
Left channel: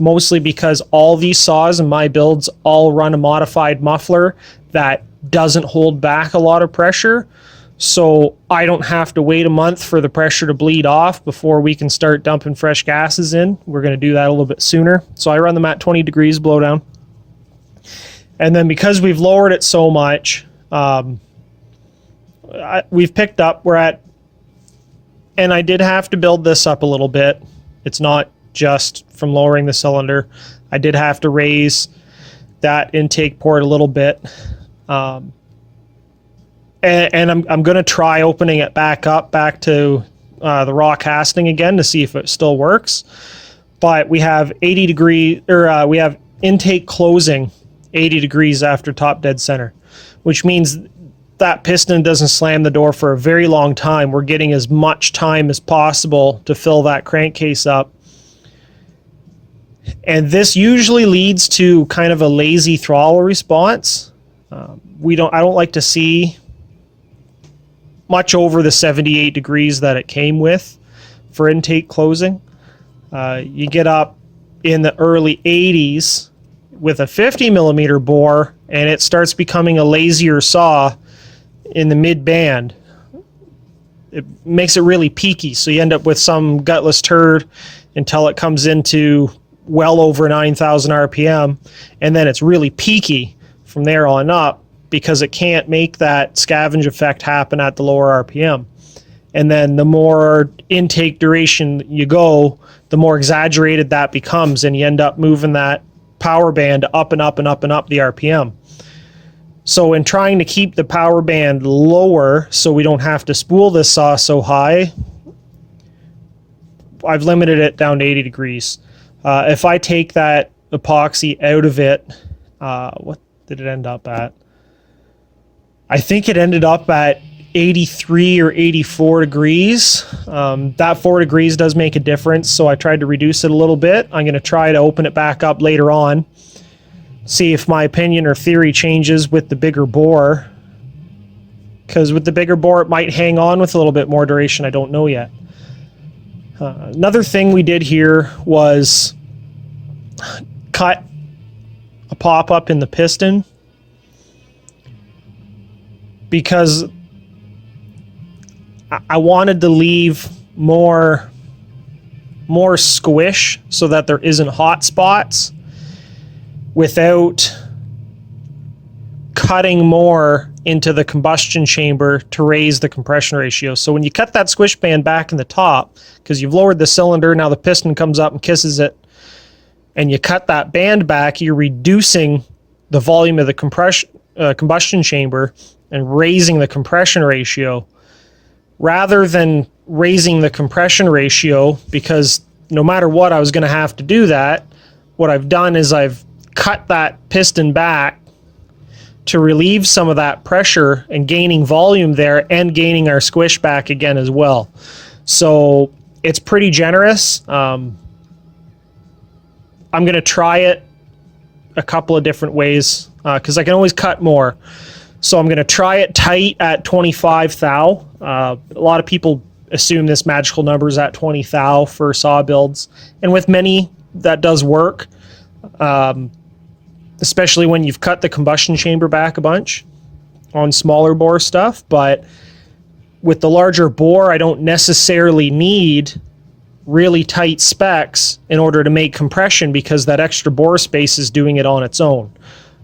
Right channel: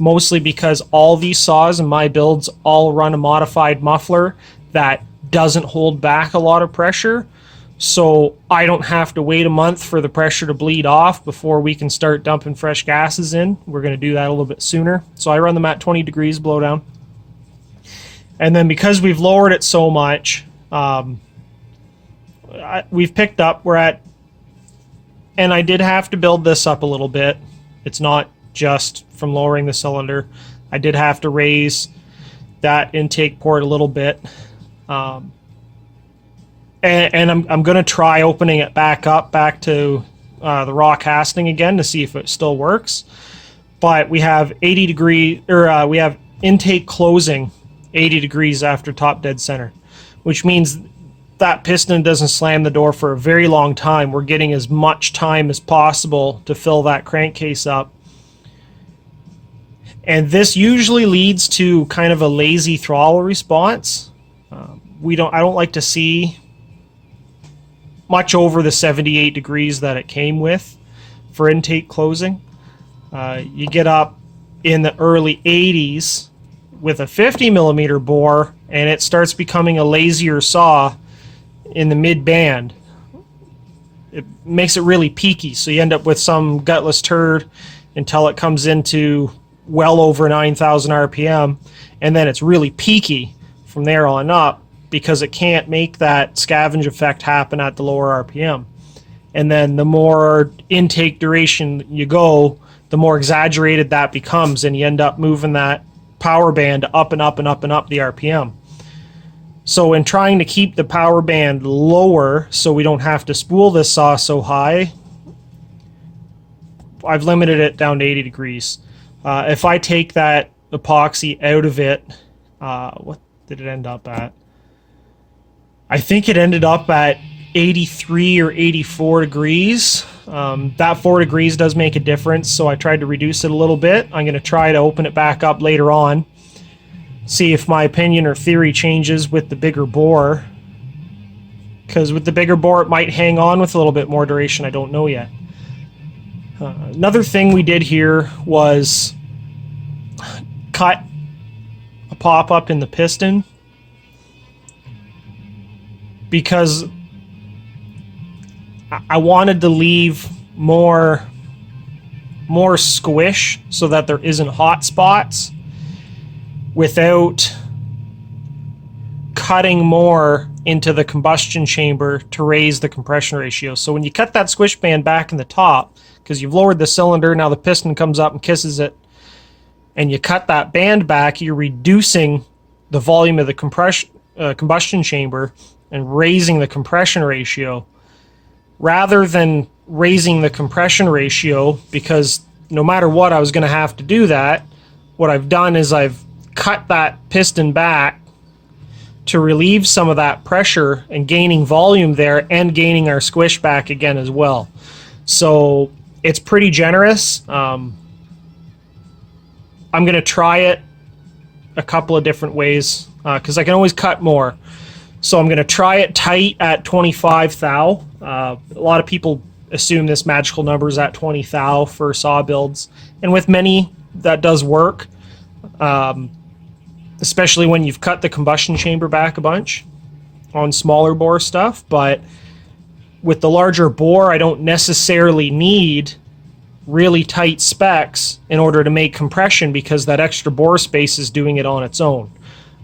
Mostly because all these saws in my builds all run a modified muffler that doesn't hold back a lot of pressure. So I don't have to wait a month for the pressure to bleed off before we can start dumping fresh gases in. We're going to do that a little bit sooner. So I run them at 20 degrees blowdown. And then because we've lowered it so much, we've picked up, and I did have to build this up a little bit. It's not just from lowering the cylinder. I did have to raise that intake port a little bit. And I'm going to try opening it back to the raw casting again to see if it still works. But we have 80 degree, or we have intake closing 80 degrees after top dead center, which means that piston doesn't slam the door for a very long time. We're getting as much time as possible to fill that crankcase up. And this usually leads to kind of a lazy throttle response. I don't like to see much over the 78 degrees that it came with for intake closing. You get up in the early 80s with a 50 millimeter bore, and it starts becoming a lazier saw in the mid band. It makes it really peaky, so you end up with some gutless turd until it comes into well over 9,000 RPM, and then it's really peaky from there on up because it can't make that scavenge effect happen at the lower RPM. And then the more intake duration you go, the more exaggerated that becomes, and you end up moving that power band up and up and up and up the RPM. So in trying to keep the power band lower so we don't have to spool this saw so high, I've limited it down to 80 degrees. If I take that epoxy out of it, what did it end up at? I think it ended up at 83 or 84 degrees. That 4 degrees does make a difference, so I tried to reduce it a little bit. I'm going to try to open it back up later on, see if my opinion or theory changes with the bigger bore. because with the bigger bore it might hang on with a little bit more duration. I don't know yet. Another thing we did here was cut a pop-up in the piston, because I wanted to leave more squish so that there isn't hot spots without cutting more into the combustion chamber to raise the compression ratio. So when you cut that squish band back in the top, because you've lowered the cylinder, now the piston comes up and kisses it, and you cut that band back, you're reducing the volume of the combustion chamber and raising the compression ratio, rather than raising the compression ratio, because no matter what I was going to have to do that. What I've done is I've cut that piston back to relieve some of that pressure and gaining volume there, and gaining our squish back again as well. So it's pretty generous. I'm going to try it a couple of different ways, because I can always cut more. So I'm going to try it tight at 25 thou. A lot of people assume this magical number is at 20 thou for saw builds, and with many that does work, especially when you've cut the combustion chamber back a bunch on smaller bore stuff. But with the larger bore, I don't necessarily need really tight specs in order to make compression, because that extra bore space is doing it on its own.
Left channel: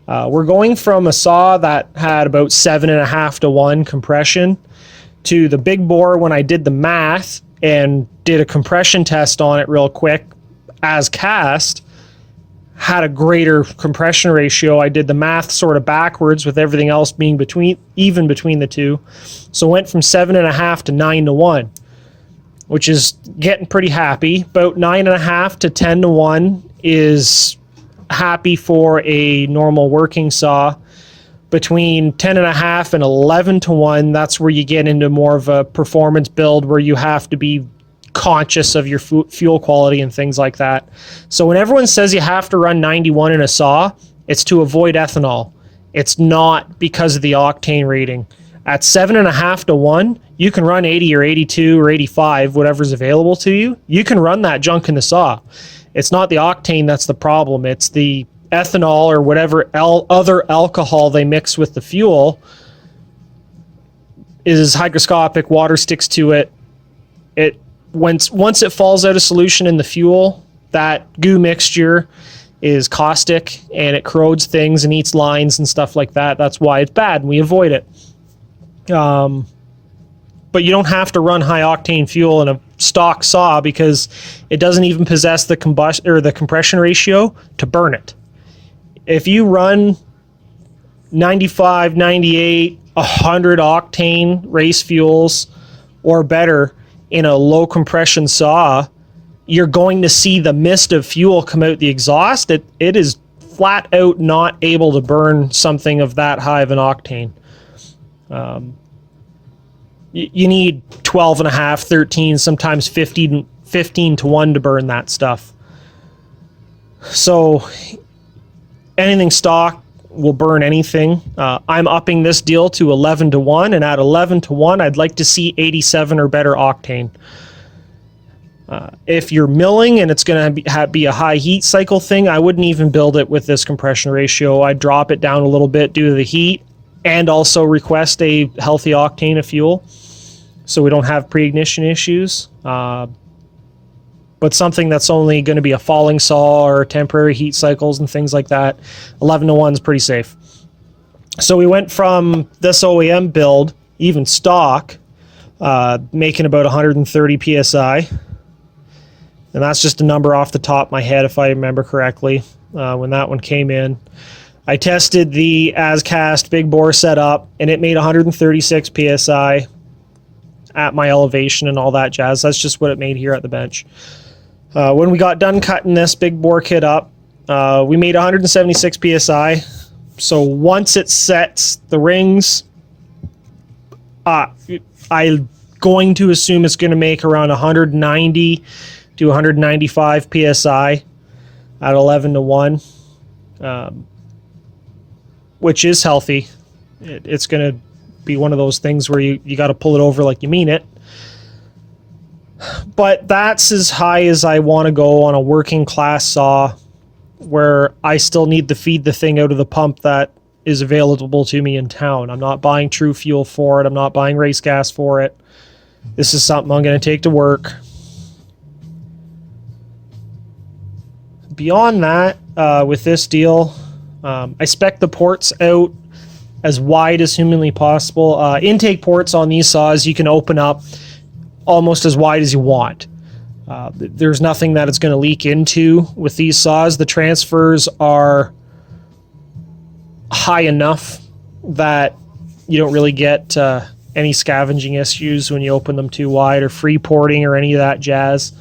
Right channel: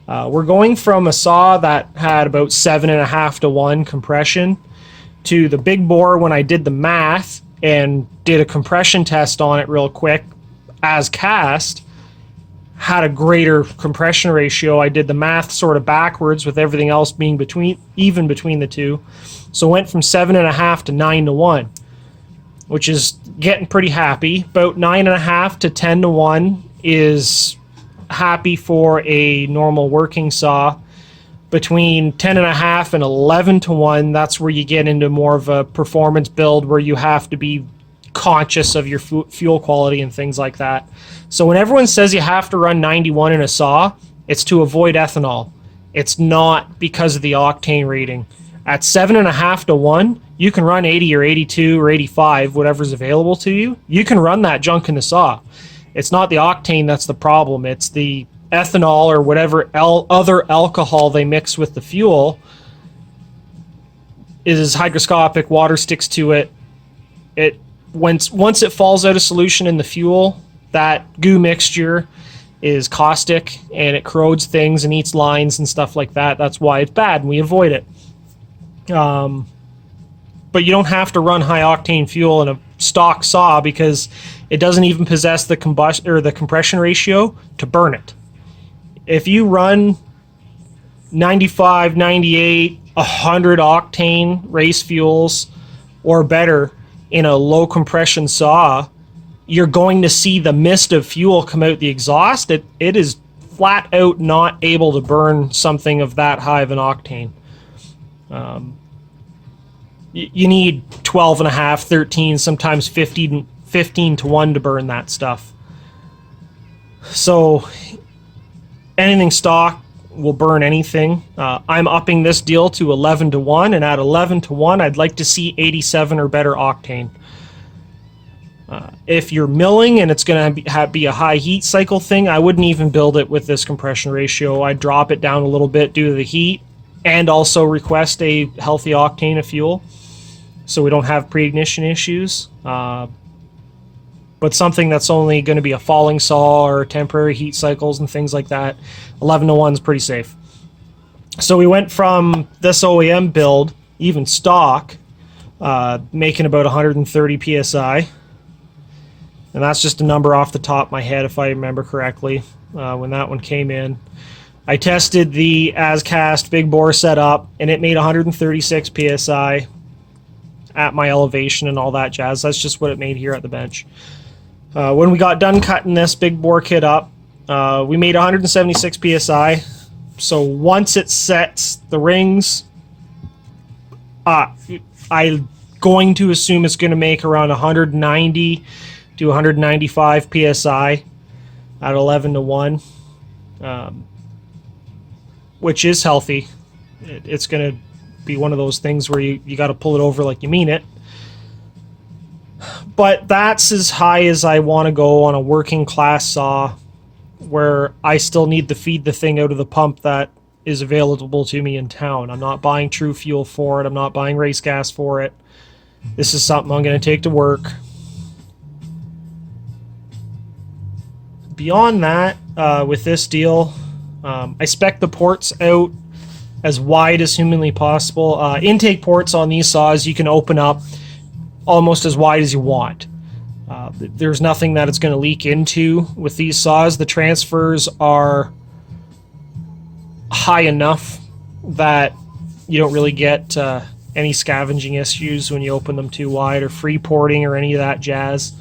We're going from a saw that had about 7.5 to 1 compression to the big bore. When I did the math and did a compression test on it real quick as cast, had a greater compression ratio. I did the math sort of backwards with everything else being even between the two. So went from 7.5 to 9 to 1, which is getting pretty happy. About 9.5 to 10 to 1 is happy for a normal working saw. Between 10.5 and 11 to 1, that's where you get into more of a performance build, where you have to be conscious of your fuel quality and things like that. So when everyone says you have to run 91 in a saw, it's to avoid ethanol. It's not because of the octane rating. At 7.5 to 1, you can run 80 or 82 or 85, whatever's available to you. You can run that junk in the saw. It's not the octane that's the problem. It's the ethanol or whatever other alcohol they mix with the fuel is hygroscopic. Water sticks to it. Once it falls out of solution in the fuel, that goo mixture is caustic and it corrodes things and eats lines and stuff like that. That's why it's bad, and we avoid it. But you don't have to run high octane fuel in a stock saw, because it doesn't even possess the compression ratio to burn it. If you run 95, 98, 100 octane race fuels or better in a low compression saw, you're going to see the mist of fuel come out the exhaust. It is flat out not able to burn something of that high of an octane. You need 12.5, 13, sometimes 15 to 1 to burn that stuff. So anything stock will burn anything. I'm upping this deal to 11 to 1, and at 11 to 1, I'd like to see 87 or better octane. If you're milling and it's going to be a high heat cycle thing, I wouldn't even build it with this compression ratio. I'd drop it down a little bit due to the heat, and also request a healthy octane of fuel so we don't have pre-ignition issues. But something that's only going to be a falling saw or temporary heat cycles and things like that, 11 to 1 is pretty safe. So we went from this OEM build, even stock, making about 130 PSI. And that's just a number off the top of my head, if I remember correctly, when that one came in. I tested the as-cast big bore setup, and it made 136 PSI at my elevation and all that jazz. That's just what it made here at the bench. When we got done cutting this big bore kit up, we made 176 PSI. So once it sets the rings, I'm going to assume it's going to make around 190 to 195 PSI at 11 to 1, which is healthy. It's going to be one of those things where you got to pull it over like you mean it. But that's as high as I want to go on a working class saw, where I still need to feed the thing out of the pump that is available to me in town. I'm not buying True Fuel for it. I'm not buying race gas for it. This is something I'm going to take to work. Beyond that, with this deal, I spec the ports out as wide as humanly possible. Intake ports on these saws you can open up almost as wide as you want. There's nothing that it's going to leak into with these saws. The transfers are high enough that you don't really get any scavenging issues when you open them too wide, or free porting or any of that jazz.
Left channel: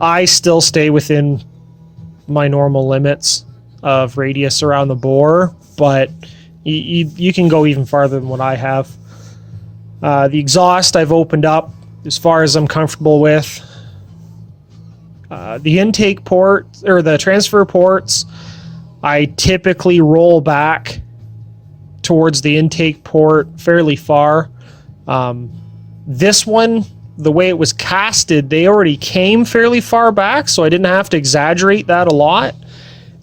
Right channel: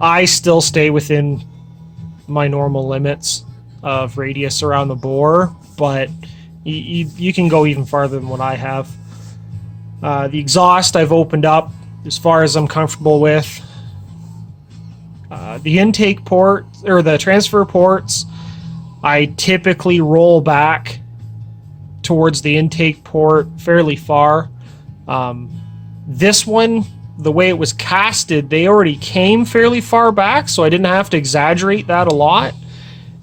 I still stay within my normal limits of radius around the bore, but you can go even farther than what I have. The exhaust I've opened up as far as I'm comfortable with. The intake port, or the transfer ports, I typically roll back towards the intake port fairly far. This one, the way it was casted, they already came fairly far back, so I didn't have to exaggerate that a lot.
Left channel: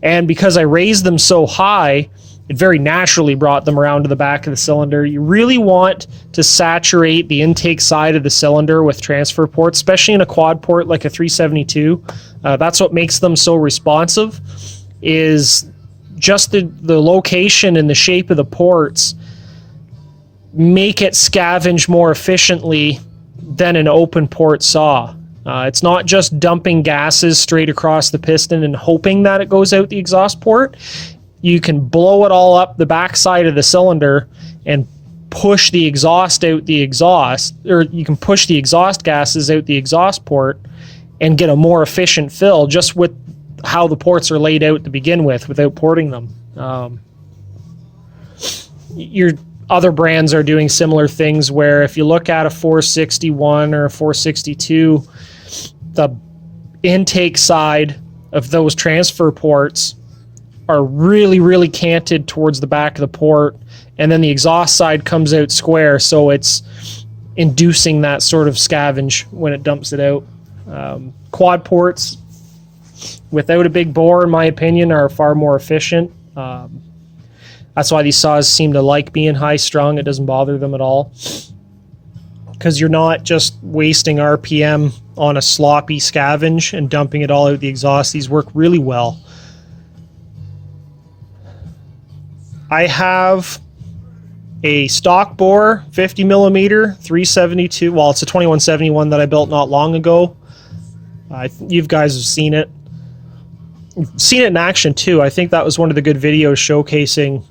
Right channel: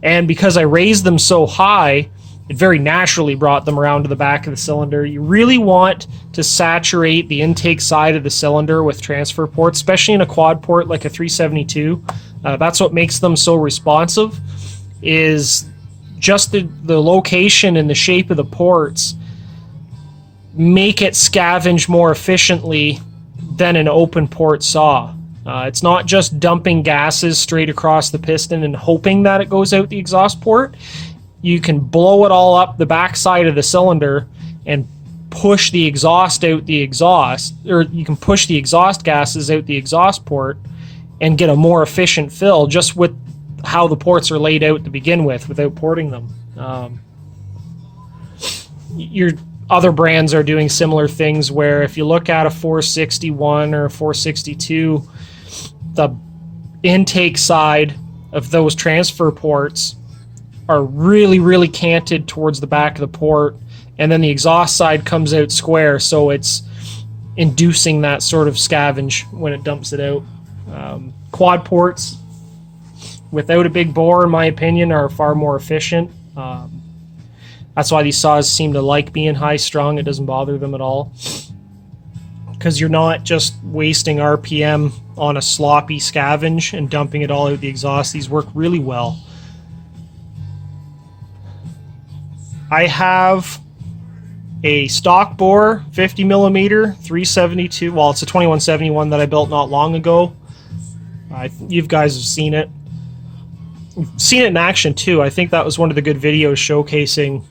And because I raised them so high, it very naturally brought them around to the back of the cylinder. You really want to saturate the intake side of the cylinder with transfer ports, especially in a quad port like a 372. That's what makes them so responsive, is just the location and the shape of the ports make it scavenge more efficiently than an open port saw. It's not just dumping gases straight across the piston and hoping that it goes out the exhaust port. You can blow it all up the backside of the cylinder and push the exhaust out the exhaust, or you can push the exhaust gases out the exhaust port and get a more efficient fill just with how the ports are laid out to begin with without porting them. Your other brands are doing similar things, where if you look at a 461 or a 462, the intake side of those transfer ports are really, really canted towards the back of the port, and then the exhaust side comes out square, so it's inducing that sort of scavenge when it dumps it out. Quad ports without a big bore, in my opinion, are far more efficient. That's why these saws seem to like being high strung. It doesn't bother them at all, because you're not just wasting RPM on a sloppy scavenge and dumping it all out the exhaust. These work really well. I have a stock bore 50 millimeter 372. Well, it's a 2171 that I built not long ago. You guys have seen it. Seen it in action too. I think that was one of the good videos showcasing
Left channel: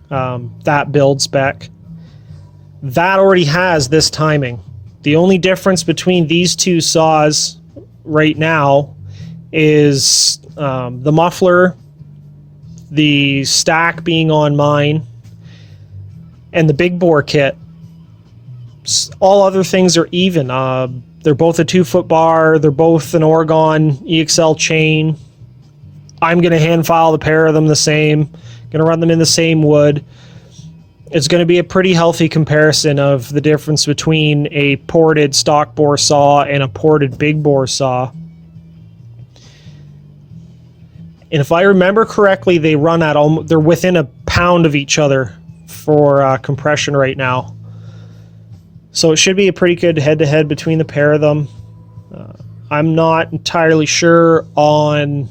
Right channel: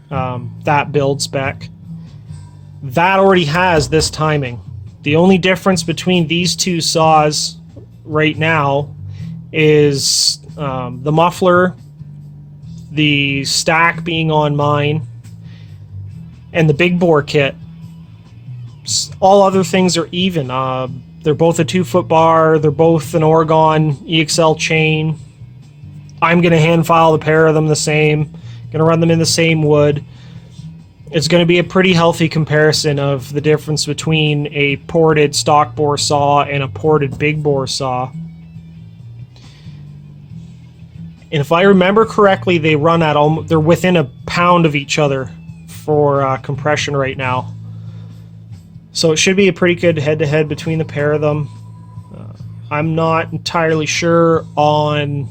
that build spec. That already has this timing. The only difference between these two saws right now is the muffler, the stack being on mine, and the big bore kit. All other things are even. They're both a 2-foot bar. They're both an Oregon EXL chain. I'm going to hand file the pair of them the same. Going to run them in the same wood. It's going to be a pretty healthy comparison of the difference between a ported stock bore saw and a ported big bore saw. And if I remember correctly, they run at they're within a pound of each other for compression right now. So it should be a pretty good head-to-head between the pair of them. I'm not entirely sure on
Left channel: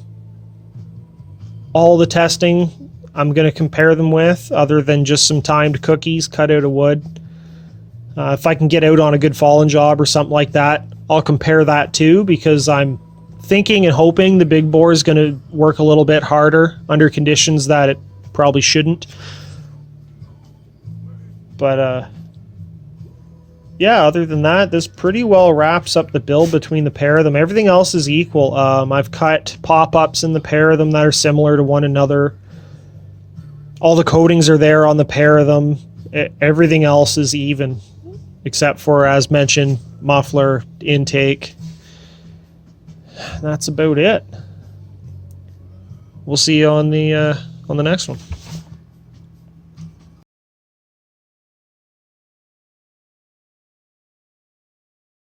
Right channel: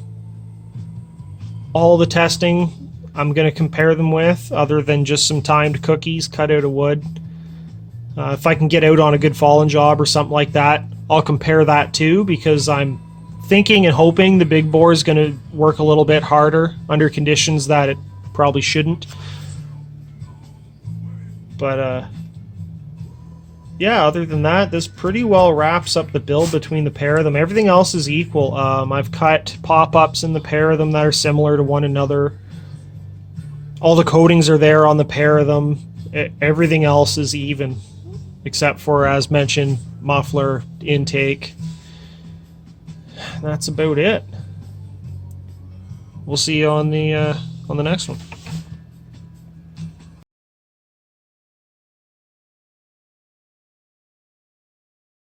all the testing I'm going to compare them with, other than just some timed cookies cut out of wood. If I can get out on a good fallen job or something like that, I'll compare that too, because I'm thinking and hoping the big bore is going to work a little bit harder under conditions that it probably shouldn't. But yeah, other than that, this pretty well wraps up the build between the pair of them. Everything else is equal. I've cut pop-ups in the pair of them that are similar to one another. All the coatings are there on the pair of them. Everything else is even, except for, as mentioned, muffler, intake. That's about it. We'll see you on the next one.